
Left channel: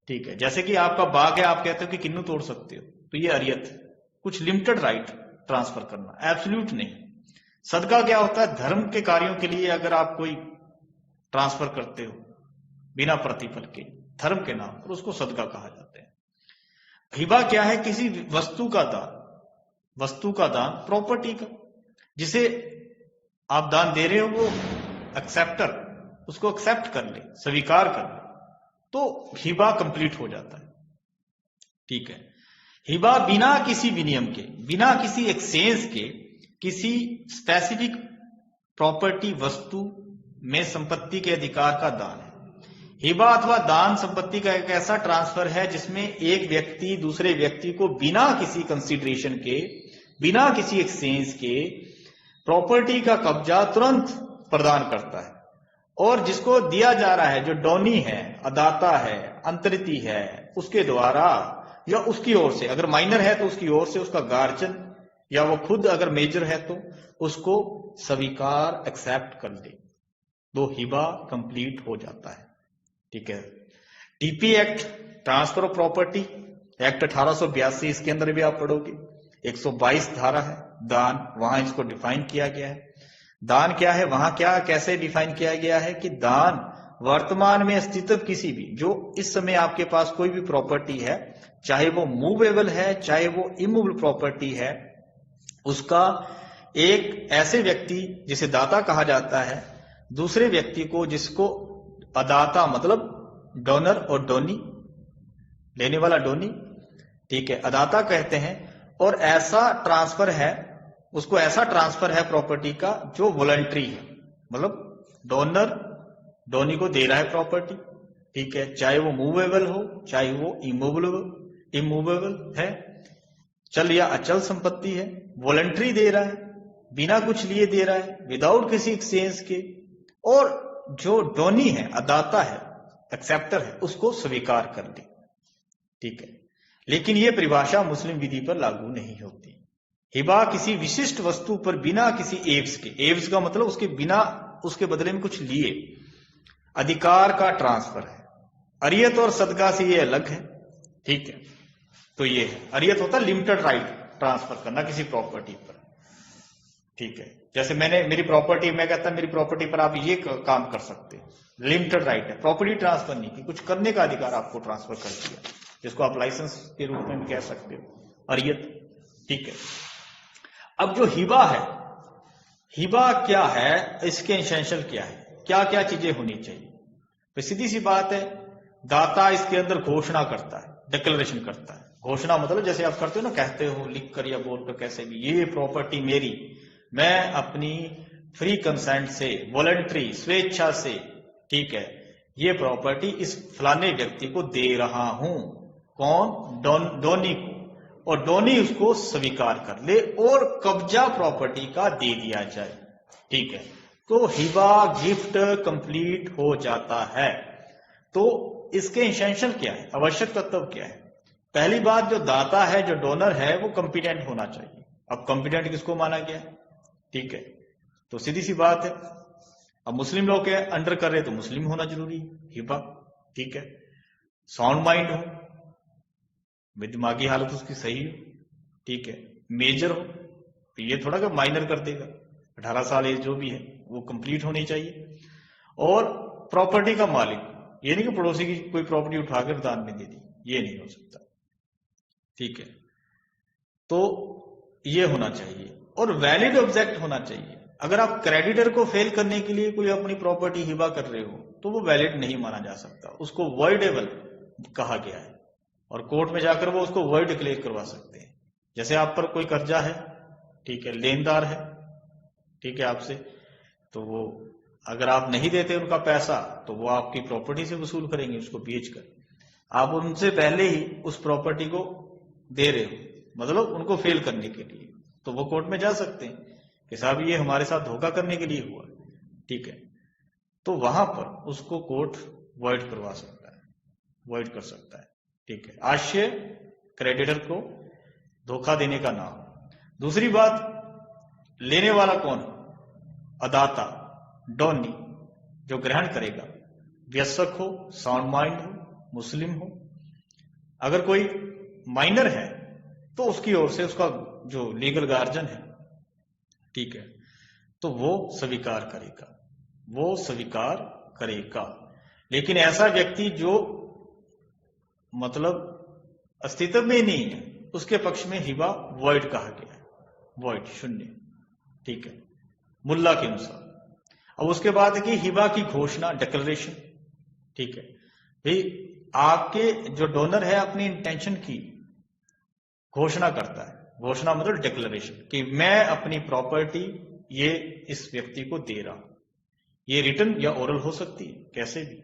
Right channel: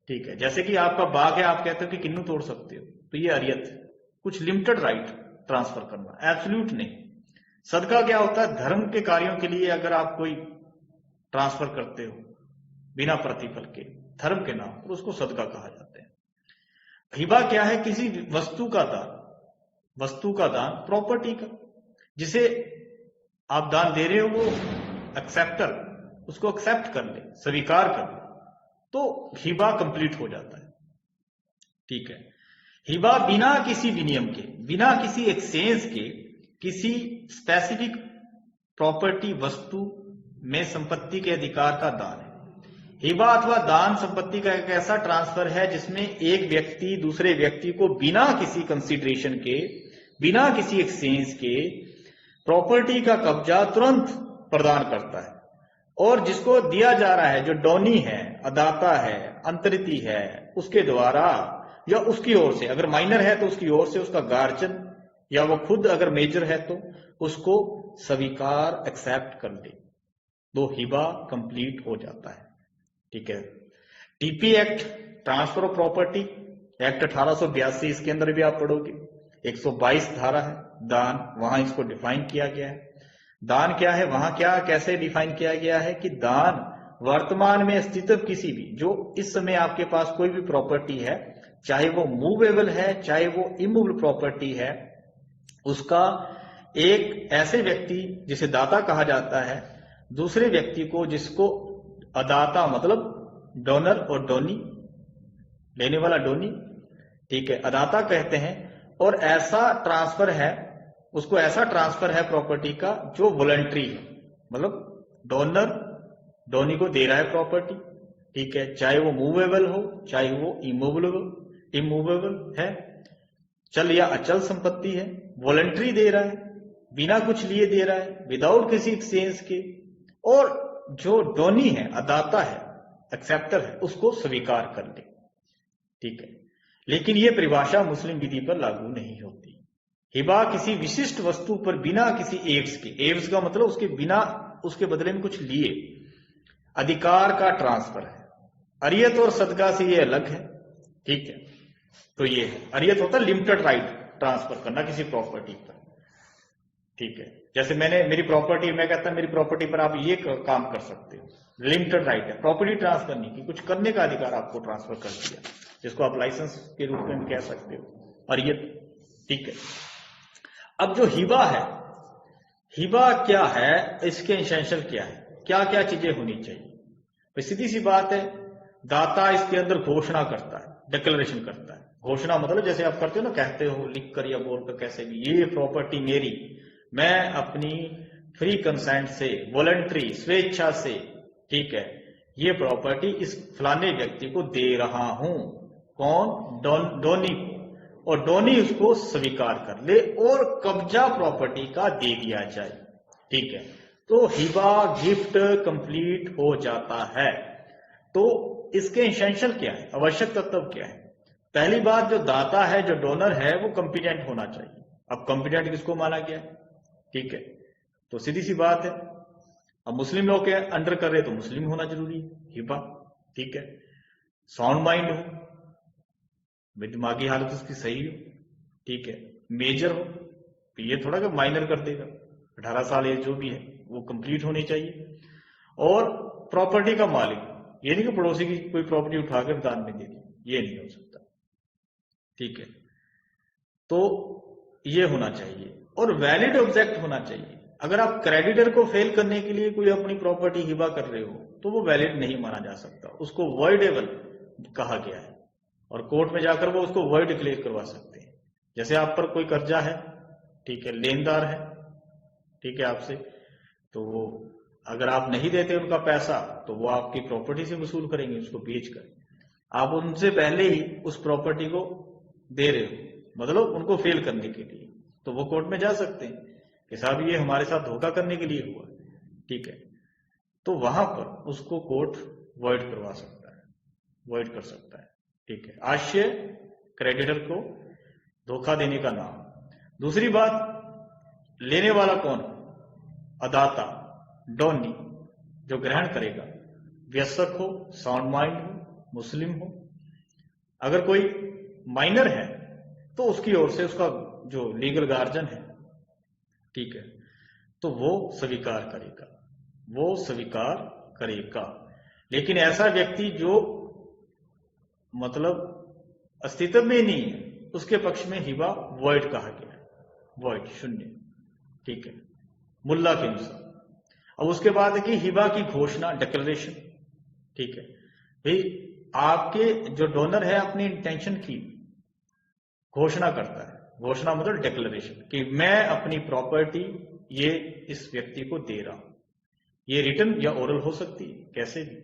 ठीक है, जैसे कि आपका बाग है, आप कहते हो कि किन्नू तोड़ सकते हो, तो ये अरियत, कुछ लिमिटेड राइट ट्रांसफर करना, एब्सोल्यूट नहीं। सदका क्या होता है, धर्म के कार्यों के लिए अगर आप कोई ट्रांसफर करते हो बिना प्रतिफल के, धर्म के नाम पर, उसको सदका कहा जाता है। हिबा क्या है, किसी वस्तु का दान, वस्तु का दान, प्रॉपर्टी का, जिसे आप दान दे रहे हो, वो एक्सेप्टर उसको एक्सेप्ट कर ले, स्वीकार कर ले, तो हिबा कंप्लीट हो जाता है। ठीक है, हिबा बिना किसी विनियम के, बिना किसी एक्सचेंज के, किसी स्पेसिफिक प्रॉपर्टी, वस्तु में संपत्ति के अधिकार का दान है। हिबा अथवा दान संपत्ति का एक ऐसा ट्रांसफर है जिसमें एक व्यक्ति दूसरे व्यक्ति को बिना किसी कंसीडरेशन के, बिना किसी एक्सचेंज के प्रॉपर्टी का कब्जा तुरंत प्रदान करता है, और जिसको दिया जा रहा है, जो डोनी है, अदाता है, अंतरिती है, उसके द्वारा या उसकी ओर से, अगर माइनर है तो उसकी ओर से उसका गार्जियन, या वो खुद अगर मेजर है तो उसको स्वीकार, एक्सेप्ट कर ले, तो हिबा कंप्लीट हो जाता है। ठीक है, TP act, transfer of property act 1882, इसके अंदर भी आप पढ़ोगे, 122 धारा है, दान, वहां इसको डिफाइन किया गया है। दान क्या है, वहां क्या कैसे डिफाइन किया गया है कि दान वर्तमान में स्थित किसी भी, जो इस समय आपके पास कोई भी प्रॉपर्टी है, चाहे वो मूवेबल है, चाहे वो इमूवेबल प्रॉपर्टी है, उसका एक ऐसे व्यक्ति जिसे दाता कहा जाता है, दूसरे व्यक्ति को, जिसको अदाता मतलब डोनर और डोनी, लेने वाला डोनी, ठीक है, अदाता कहते हैं, और ऐसा ट्रांसफर है, उसको ऐसा ट्रांसफर है प्रॉपर्टी का जो वॉलंटरी है, मतलब डोनर डोनी को दे रहा है प्रॉपर्टी। ठीक है, चाहे वो मूवेबल हो, चाहे वो इमूवेबल है, चल या अचल संपत्ति है, वॉलंटरी दे रहा है, बिना कुछ लिए दे रहा है, विदाउट किसी एक्सचेंज के, और जो डोनी है, अदाता है, एक्सेप्टर है, उसको स्वीकार कर ले। ठीक है, लेकिन यह परिभाषा मुस्लिम विधि पर लागू नहीं होती। हिबा किसी विशिष्ट वस्तु पर बिना किसी एव्स के, एव्स का मतलब उसके बिना, उसके बदले में कुछ लिए, अधिकार का ट्रांसफर है। अरियत और सदका से ये अलग है। ठीक है, तो ये है, अरियत होता है लिमिटेड राइट ट्रांसफर करना किसी प्रॉपर्टी पर। ठीक है, जैसे मेरी प्रॉपर्टी, मैं कहता मेरी प्रॉपर्टी पर आप ये काम कर सकते हो, लिमिटेड राइट है, प्रॉपर्टी ट्रांसफर नहीं की, कुछ करने का अधिकार आपको ट्रांसफर कर दिया, जिसको आप लाइसेंस के रूप में कह सकते हो, अरियत। ठीक है, अब जो हिबा है, हिबा क्या है, इसके एसेंशियल क्या है, क्या क्या चीजें होनी चाहिए। तो सीधी सी बात है, दाता इसके अंदर घोषणा करता है, डिक्लेरेशन करता है। घोषणा मतलब जैसे आप करते हो ना, कहते हो लिख कर या बोल कर, कैसे भी, ये प्रॉपर्टी मेरी, मैं अपनी फ्री कंसेंट से, वॉलंटरी, स्वेच्छा से, ठीक है, ये प्रॉपर्टी इस फलाने व्यक्ति को दे रहा हूं। कौन? डोनी को, और डोनी उसको स्वीकार कर ले और कब्जा प्रॉपर्टी का दे दिया जाए। ठीक है, तो हिबा, गिफ्ट कंप्लीट हो जाता है। तो इसके एसेंशियल क्या है, आवश्यक तत्व क्या है? पहली बात, जो दाता है, जो डोनर है, वो कॉम्पिटेंट होना चाहिए। अब कॉम्पिटेंट किसको माना गया? ठीक है, तो सीधी सी बात है, अब मुस्लिम लोग के अंडर कर रहे तो मुस्लिम होना जरूरी है, हिबा। ठीक है, साउंड माइंड हो, दिमागी हालत उसकी सही हो, ठीक है, मेजर हो, तो ये थोड़ा कि माइनर कर देगा, 18 साल एज जो भी है वो कंप्लीट होनी चाहिए। और प्रॉपर्टी का मालिक, ये नहीं कि पड़ोसी की कोई प्रॉपर्टी उठाकर दान में दे दी, ये नहीं हो सकता। ठीक है, तो ये होना चाहिए, और वैलिड ऑब्जेक्ट होना चाहिए। अगर आप क्रेडिटर को फेल करने के लिए कोई अपनी प्रॉपर्टी हिबा कर रहे हो तो वो वैलिड नहीं माना जा सकता, उसको वॉइडेबल कहा गया है, और कोर्ट में जाकर वो उसको वॉइड डिक्लेयर करवा सकते हैं। जैसे आप पर कोई कर्जा है, ठीक है, लेनदार है, ठीक है, आपसे, तो वो अगर आप नहीं देते उनका पैसा तो वो आपकी प्रॉपर्टी से वसूल करेंगे, उसको बेचकर। आप उनसे पहले ही उस प्रॉपर्टी को दे रहे हो, मतलब उनको फेल करने के लिए, तो वो कोर्ट में जा सकते हैं कि साहब ये हमारे साथ धोखा करने के लिए हुआ, ठीक है। तो वहां पर उसको कोर्ट वॉइड करवा सकता है, वॉइड कर सकता है, ठीक है। आशय क्रेडिटर को धोखा देने का नाम। दूसरी बात, लेने वाला कौन? अदाता, डोनी, जो ग्रहण करेगा, वयस्क हो, साउंड माइंड हो, मुस्लिम हो। अगर कोई माइनर है तो उसकी ओर से उसका जो लीगल गार्जियन है, ठीक है, तो वो स्वीकार करेगा, वो स्वीकार करेगा। लेकिन ऐसा व्यक्ति जो मतलब अस्तित्व में नहीं है, उसके पक्ष में हिबा वॉइड कहा गया है, वॉइड, शून्य, ठीक है, मुल्ला के अनुसार। अब उसके बाद है कि हिबा की घोषणा, डिक्लेरेशन, ठीक है। भाई आपके जो डोनर है अपनी इंटेंशन की घोषणा करता है, घोषणा मतलब डिक्लेरेशन, कि मैं अपनी प्रॉपर्टी ये इस व्यक्ति को दे रहा हूं। ये रिटन या ओरल हो सकती है, कैसे भी,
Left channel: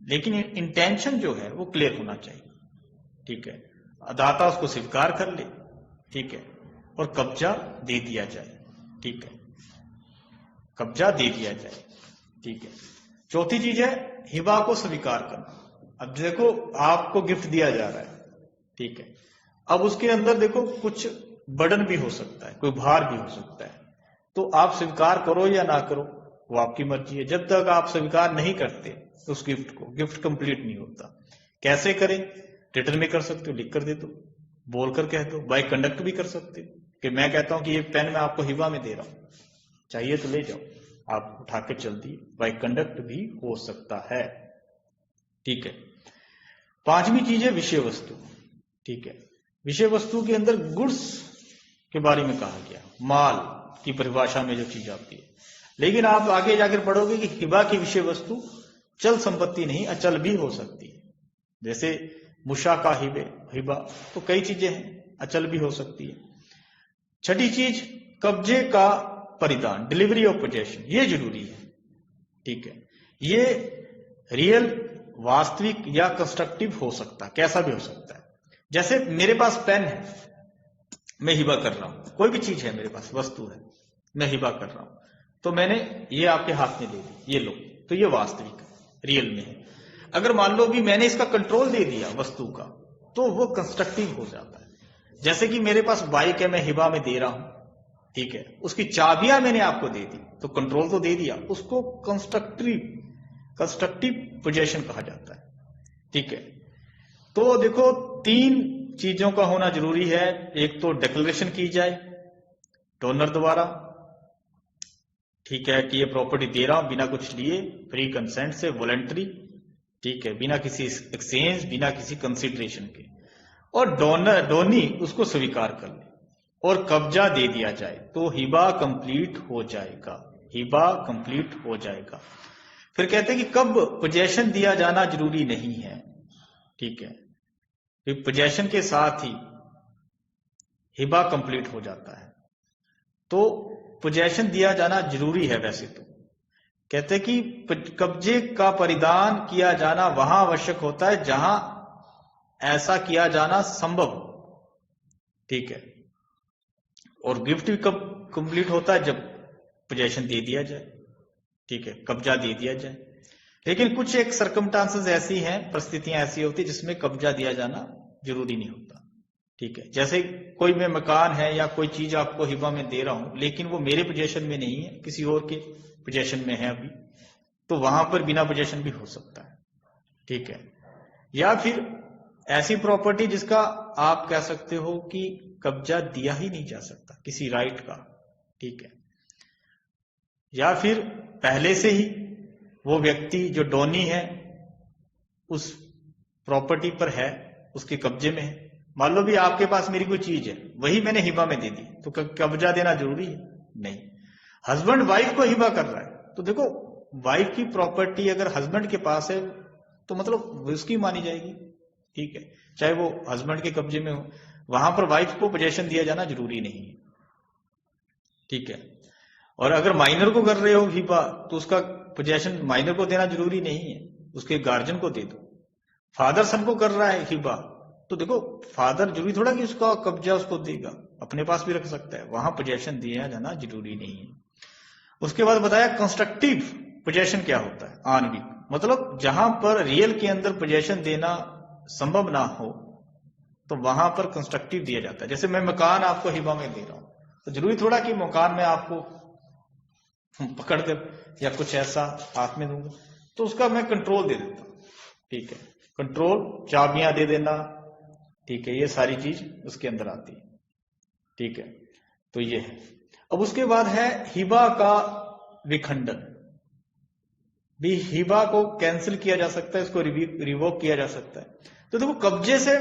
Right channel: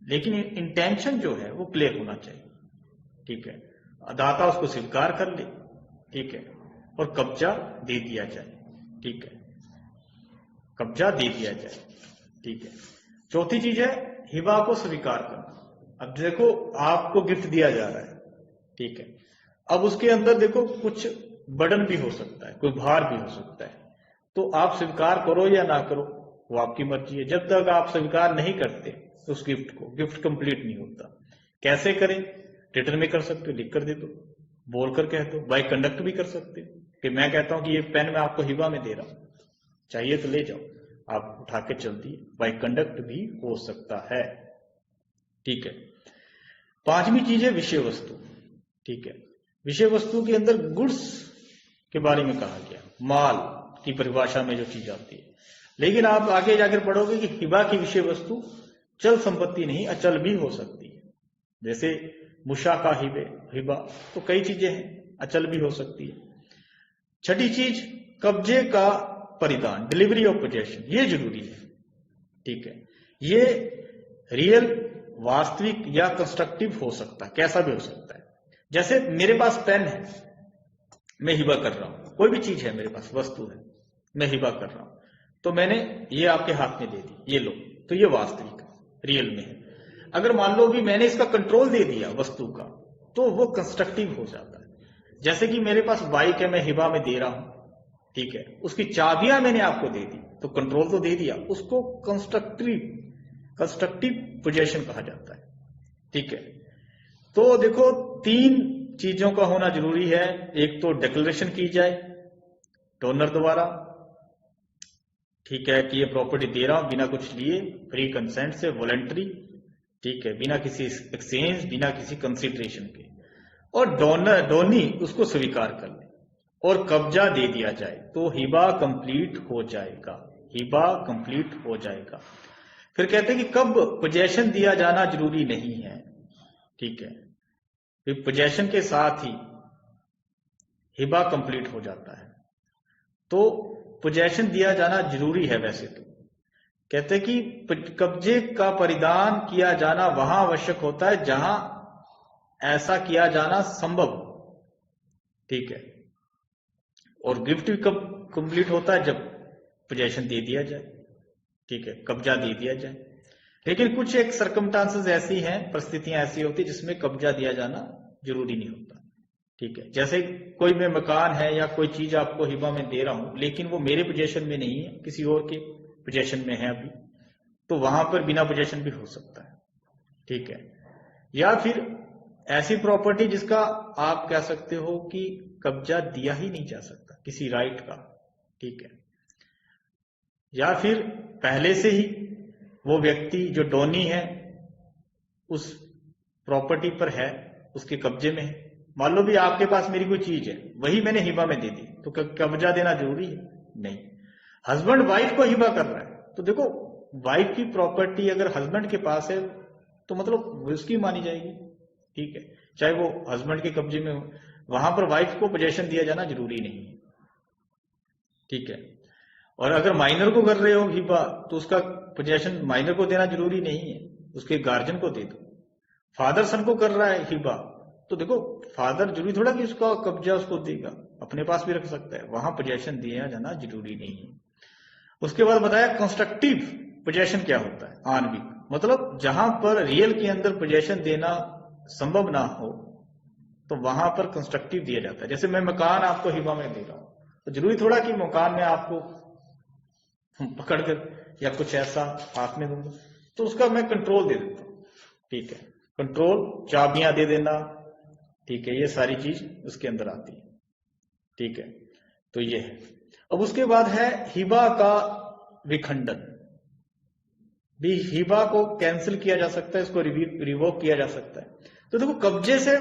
लेकिन इंटेंशन जो है वो क्लियर होना चाहिए, ठीक है। दाता उसको स्वीकार कर ले, ठीक है, और कब्जा दे दिया जाए, ठीक है, कब्जा दे दिया जाए, ठीक है। चौथी चीज है हिबा को स्वीकार करना। अब देखो आपको गिफ्ट दिया जा रहा है, ठीक है, अब उसके अंदर देखो कुछ बर्डन भी हो सकता है, कोई भार भी हो सकता है, तो आप स्वीकार करो या ना करो वो आपकी मर्जी है। जब तक आप स्वीकार नहीं करते उस गिफ्ट को, गिफ्ट कंप्लीट नहीं होता। कैसे करें? रिटर्न में कर सकते हो, लिख कर दे दो, बोलकर कह दो, बाय कंडक्ट भी कर सकते हो कि मैं कहता हूं कि ये पेन मैं आपको हिबा में दे रहा हूं, चाहिए तो ले जाओ, आप उठा के चल दिए, बाय कंडक्ट भी हो सकता है, ठीक है। पांचवी चीज है विषय वस्तु, ठीक है। विषय वस्तु के अंदर गुड्स के बारे में कहा गया, माल की परिभाषा में जो चीज आती है। लेकिन आप आगे जाकर पढ़ोगे कि हिबा की विषय वस्तु चल संपत्ति नहीं, अचल भी हो सकती है। जैसे मुशा का हिबा, तो कई चीजें हैं, अचल भी हो सकती है। छठी चीज कब्जे का परिधान, डिलीवरी ऑफ पोजेशन, ये जरूरी है, ठीक है। ये रियल, वास्तविक या कंस्ट्रक्टिव हो सकता है, कैसा भी हो सकता है। जैसे मेरे पास पेन है, मैं हिबा कर रहा हूं, कोई भी चीज है मेरे पास, वस्तु है, मैं हिबा कर रहा हूं, तो मैंने ये आपके हाथ में दे दी, ये लो, तो ये वास्तविक रियल में है। अगर मान लो भी मैंने इसका कंट्रोल दे दिया वस्तु का, तो वो कंस्ट्रक्टिव हो जाता है। जैसे कि मेरे पास बाइक है, मैं हिबा में दे रहा हूं, ठीक है, उसकी चाबियां मैंने आपको दे दी, तो कंट्रोल तो दे दिया, उसको कंस्ट्रक्टिव पोजेशन कहा जाता है, ठीक है। तो देखो 3 चीजों का होना जरूरी है। एक तो डिक्लेरेशन की जाए डोनर द्वारा, ठीक है, कि ये प्रॉपर्टी दे रहा हूं बिना कुछ लिए, फ्री कंसेंट से, वॉलंटरी, ठीक है, बिना किसी एक्सचेंज, बिना किसी कंसिडरेशन के, और डोनी उसको स्वीकार कर ले और कब्जा दे दिया जाए, तो हिबा कंप्लीट हो जाएगा, हिबा कंप्लीट हो जाएगा। फिर कहते हैं कि कब पोजेशन दिया जाना जरूरी नहीं है, ठीक है, फिर पोजेशन के साथ ही हिबा कंप्लीट हो जाता है। तो पोजेशन दिया जाना जरूरी है वैसे तो। कहते हैं कि कब्जे का परिधान किया जाना वहां आवश्यक होता है जहां ऐसा किया जाना संभव, ठीक है। और गिफ्ट भी कब कंप्लीट होता है? जब पोजेशन दे दिया जाए, ठीक है, कब्जा दे दिया जाए। लेकिन कुछ एक सर्कमस्टांसेस ऐसी हैं, परिस्थितियां ऐसी होती है जिसमें कब्जा दिया जाना जरूरी नहीं होता, ठीक है। जैसे कोई में मकान है या कोई चीज आपको हिबा में दे रहा हूं, लेकिन वो मेरे पोजेशन में नहीं है, किसी और के पोजेशन में है अभी, तो वहां पर बिना पोजेशन भी हो सकता है, ठीक है। या फिर ऐसी प्रॉपर्टी जिसका आप कह सकते हो कि कब्जा दिया ही नहीं जा सकता, किसी राइट का, ठीक है। या फिर पहले से ही वो व्यक्ति जो डोनी है उस प्रॉपर्टी पर है, उसके कब्जे में है। मान लो भी आपके पास मेरी कोई चीज है, वही मैंने हिबा में दे दी, तो कब्जा देना जरूरी है? नहीं। हस्बैंड वाइफ को हिबा कर रहा है, तो देखो वाइफ की प्रॉपर्टी अगर हस्बैंड के पास है तो मतलब उसकी मानी जाएगी, ठीक है, चाहे वो हस्बैंड के कब्जे में हो। वहां पर वाइफ को पोजेशन दिया जाना जरूरी नहीं है, ठीक है। और अगर माइनर को कर रहे हो हिबा, तो उसका पोजेशन माइनर को देना जरूरी नहीं है, उसके गार्जियन को दे दो। फादर सन को कर रहा है हिबा, तो देखो फादर जरूरी थोड़ा कि उसका कब्जा उसको देगा, अपने पास भी रख सकता है, वहां पोजेशन दिया जाना जरूरी नहीं है। उसके बाद बताया कंस्ट्रक्टिव पोजेशन क्या होता है, आणविक, मतलब जहां पर रियल के अंदर पोजेशन देना संभव ना हो तो वहां पर कंस्ट्रक्टिव दिया जाता है। जैसे मैं मकान आपको हिबा में दे रहा हूं, तो जरूरी थोड़ा कि मकान में आपको पकड़कर या कुछ ऐसा हाथ में दूंगा, तो उसका मैं कंट्रोल दे देता हूं, ठीक है, कंट्रोल, चाबियां दे देना, ठीक है, ये सारी चीज उसके अंदर आती है, ठीक है। तो ये है। अब उसके बाद है हिबा का विखंडन। भी हिबा को कैंसिल किया जा सकता है, इसको रिवोक किया जा सकता है। तो देखो, कब्जे से,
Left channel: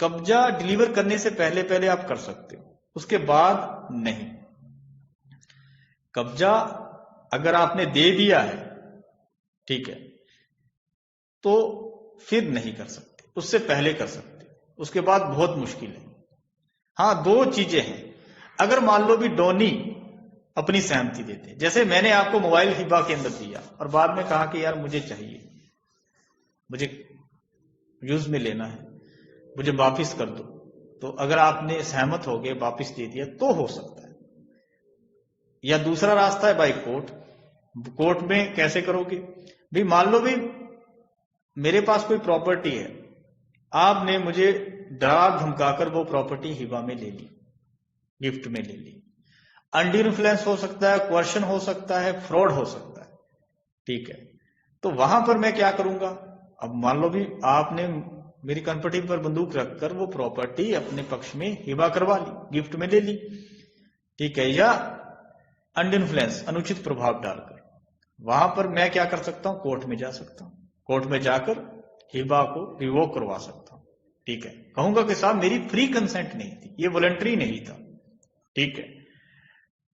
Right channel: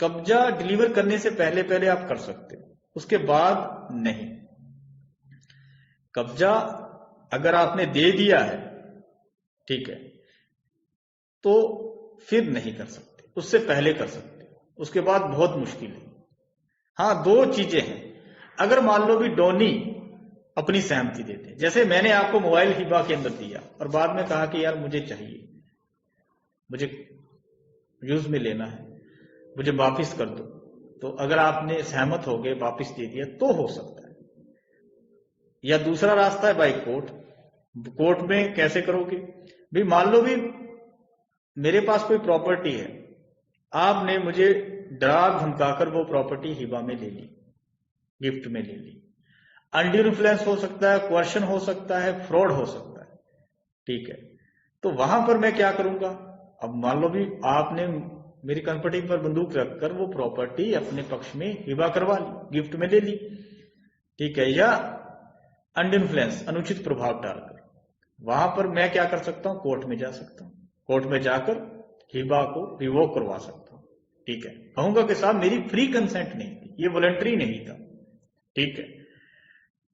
कब्जा डिलीवर करने से पहले पहले आप कर सकते हो, उसके बाद नहीं। कब्जा अगर आपने दे दिया है, ठीक है, तो फिर नहीं कर सकते, उससे पहले कर सकते, उसके बाद बहुत मुश्किल है। हाँ, दो चीजें हैं। अगर मान लो भी डोनी अपनी सहमति देते हैं, जैसे मैंने आपको मोबाइल हिबा के अंदर दिया और बाद में कहा कि यार मुझे चाहिए, मुझे यूज में लेना है, मुझे वापिस कर दो, तो अगर आपने सहमत हो गए, वापिस दे दिया, तो हो सकता है। या दूसरा रास्ता है बाई कोर्ट। कोर्ट में कैसे करोगे भी, मान लो भी मेरे पास कोई प्रॉपर्टी है, आपने मुझे डरा धमकाकर वो प्रॉपर्टी हिबा में ले ली, गिफ्ट में ले ली। अंडर इन्फ्लुएंस हो सकता है, क्वेश्चन हो सकता है, फ्रॉड हो सकता है, ठीक है। तो वहां पर मैं क्या करूंगा, अब मान लो भी आपने मेरी कंपनी पर बंदूक रखकर वो प्रॉपर्टी अपने पक्ष में हिबा करवा ली, गिफ्ट में ले ली, ठीक है, या अंडर इन्फ्लुएंस, अनुचित प्रभाव डालकर, वहां पर मैं क्या कर सकता हूं, कोर्ट में जा सकता हूं, कोर्ट में जाकर हिबा को रिवोक करवा सकता हूं, ठीक है। कहूंगा कि साहब मेरी फ्री कंसेंट नहीं थी, ये वॉलंटरी नहीं था, ठीक है,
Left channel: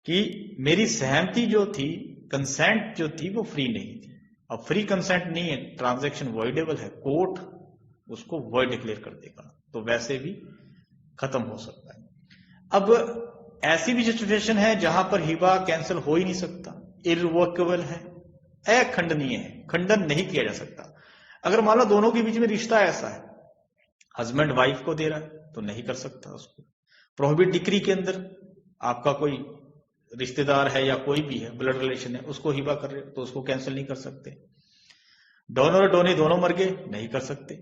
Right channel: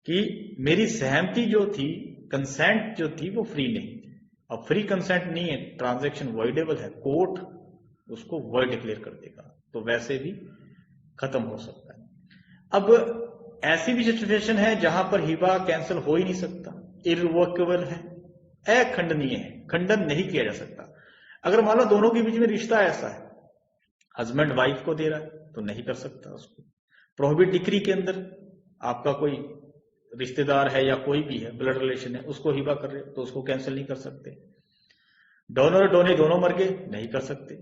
कि मेरी सहमति जो थी, कंसेंट जो थी वो फ्री नहीं थी। अब फ्री कंसेंट नहीं है, ट्रांजैक्शन वॉइडेबल है, कोर्ट उसको वॉइड डिक्लेयर कर देगा, तो वैसे भी खत्म हो सकता है। अब ऐसी भी सिचुएशन है जहां पर हिबा कैंसिल हो ही नहीं सकता, इररिवोकेबल है, अखंडनीय है, खंडन नहीं किया जा सकता। अगर मान लो दोनों के बीच में रिश्ता ऐसा है, हस्बैंड वाइफ को दे रहा है, तो नहीं कर सकता उसको। प्रोहिबिट डिक्री के अंदर आपका कोई रिश्तेदार है या कोई भी है, ब्लड रिलेशन है, उसको हिबा कर रहे हो, तो उसको कैंसिल नहीं कर सकते। डोनर और डोनी दोनों मर गए, नहीं कर सकते,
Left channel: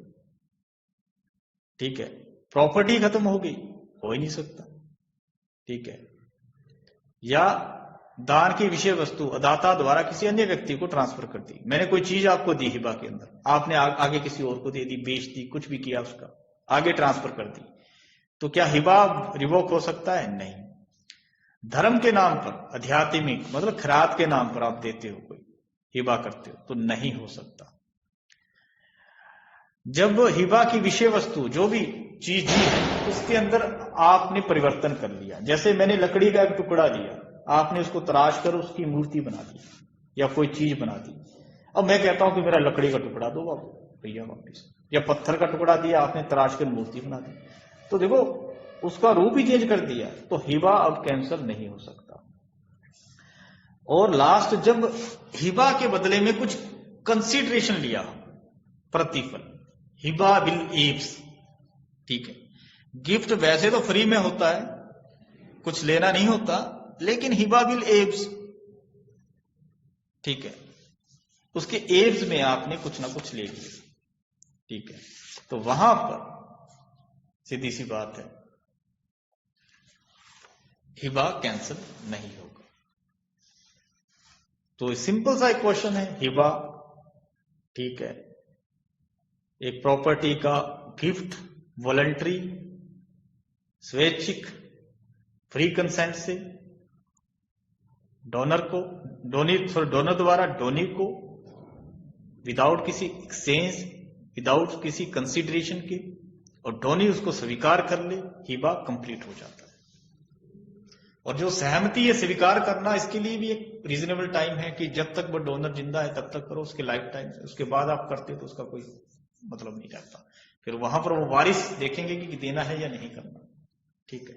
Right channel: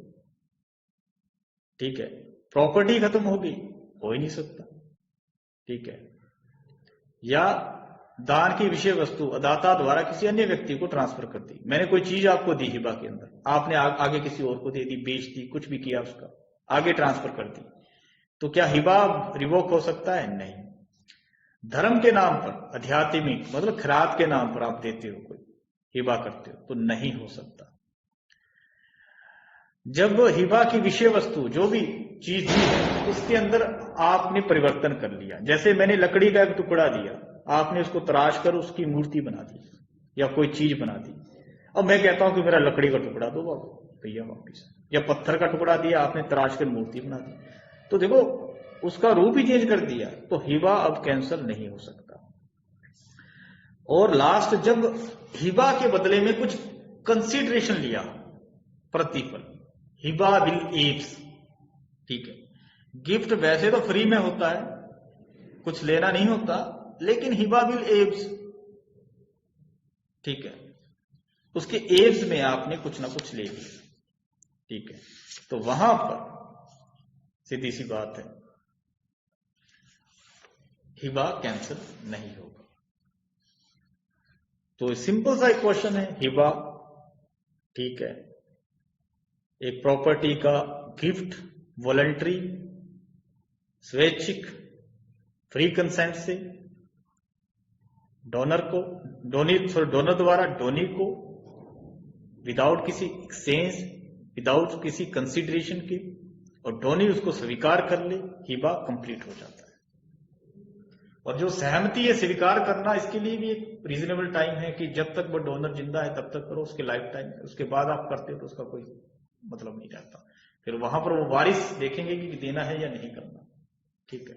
ठीक है। प्रॉपर्टी खत्म हो गई, हो ही नहीं सकता, ठीक है। या दान की विषय वस्तु अदाता द्वारा किसी अन्य व्यक्ति को ट्रांसफर कर दी, मैंने कोई चीज आपको दी हिबा के अंदर, आपने आगे किसी और को दे दी, बेच दी, कुछ भी किया, उसका आगे ट्रांसफर कर दी, तो क्या हिबा रिवोक हो सकता है? नहीं। धर्म के नाम पर, आध्यात्मिक मतलब खैरात के नाम पर आप देते हो, कोई हिबा करते हो, तो नहीं हो सकता। जब हिबा की विषय वस्तु जो भी चीज दी है उसके अंदर आपने परिवर्तन कर लिया, जैसे मैंने लकड़ी का एक टुकड़ा दिया, आपने उसको तराश कर उसकी मूर्ति बना दी या कोई चीज बना दी, अब मैं कहता हूं कि मेरा लकड़ी का टुकड़ा दो भैया वापिस, या पत्थर का टुकड़ा दिया, आपने तराश कर मूर्ति बना दी, तो देखो उसका रूप ही चेंज कर दिया, तो हिबा अब कैंसिल नहीं हो सकता। और लास्ट, जब हिबा के बदले में कुछ कंसिडरेशन लिया, प्रतिफल, हिबा बिल एब्स, ठीक है। गिफ्ट वैसे तो फ्री में होता है, कुछ लेना नहीं होता, लेकिन हिबा बिल एब्स, ठीक है, उसके एब्स में आपने कुछ ना कुछ ले लिया, ठीक है, तो वहां पर सीधी सी बात है, हिबा कैंसिल नहीं होगा। तो सिंपल सा एक क्वेश्चन है, हिबा, ठीक है, एक प्रॉपर्टी का गिफ्ट, वॉलंटरी, स्वैच्छिक, फ्री कंसेंट से डोनर को, डोनर द्वारा डोनी को, विदाउट किसी एक्सचेंज, विदाउट किसी कंसिडरेशन के, और डोनी उसको स्वीकार कर ले, हिबा कंप्लीट हो जाता है। और जो सहमति है स्वीकार करना, इसके लिए भी एक रीजनेबल टाइम है कि जब तक वो डोनर जिंदा है तब तक करो, उसके लाइफ टाइम, उसके बाद आप करते हो तो उसका कोई मतलब नहीं रहता। फिर वहां पर वो वारिस देखेंगे कि देना है या नहीं करना, ठीक है।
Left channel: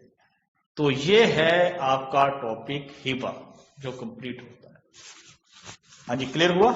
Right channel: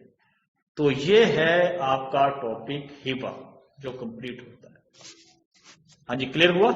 तो ये है आपका टॉपिक हिबा, जो कंप्लीट होता है। हाँ जी, क्लियर हुआ?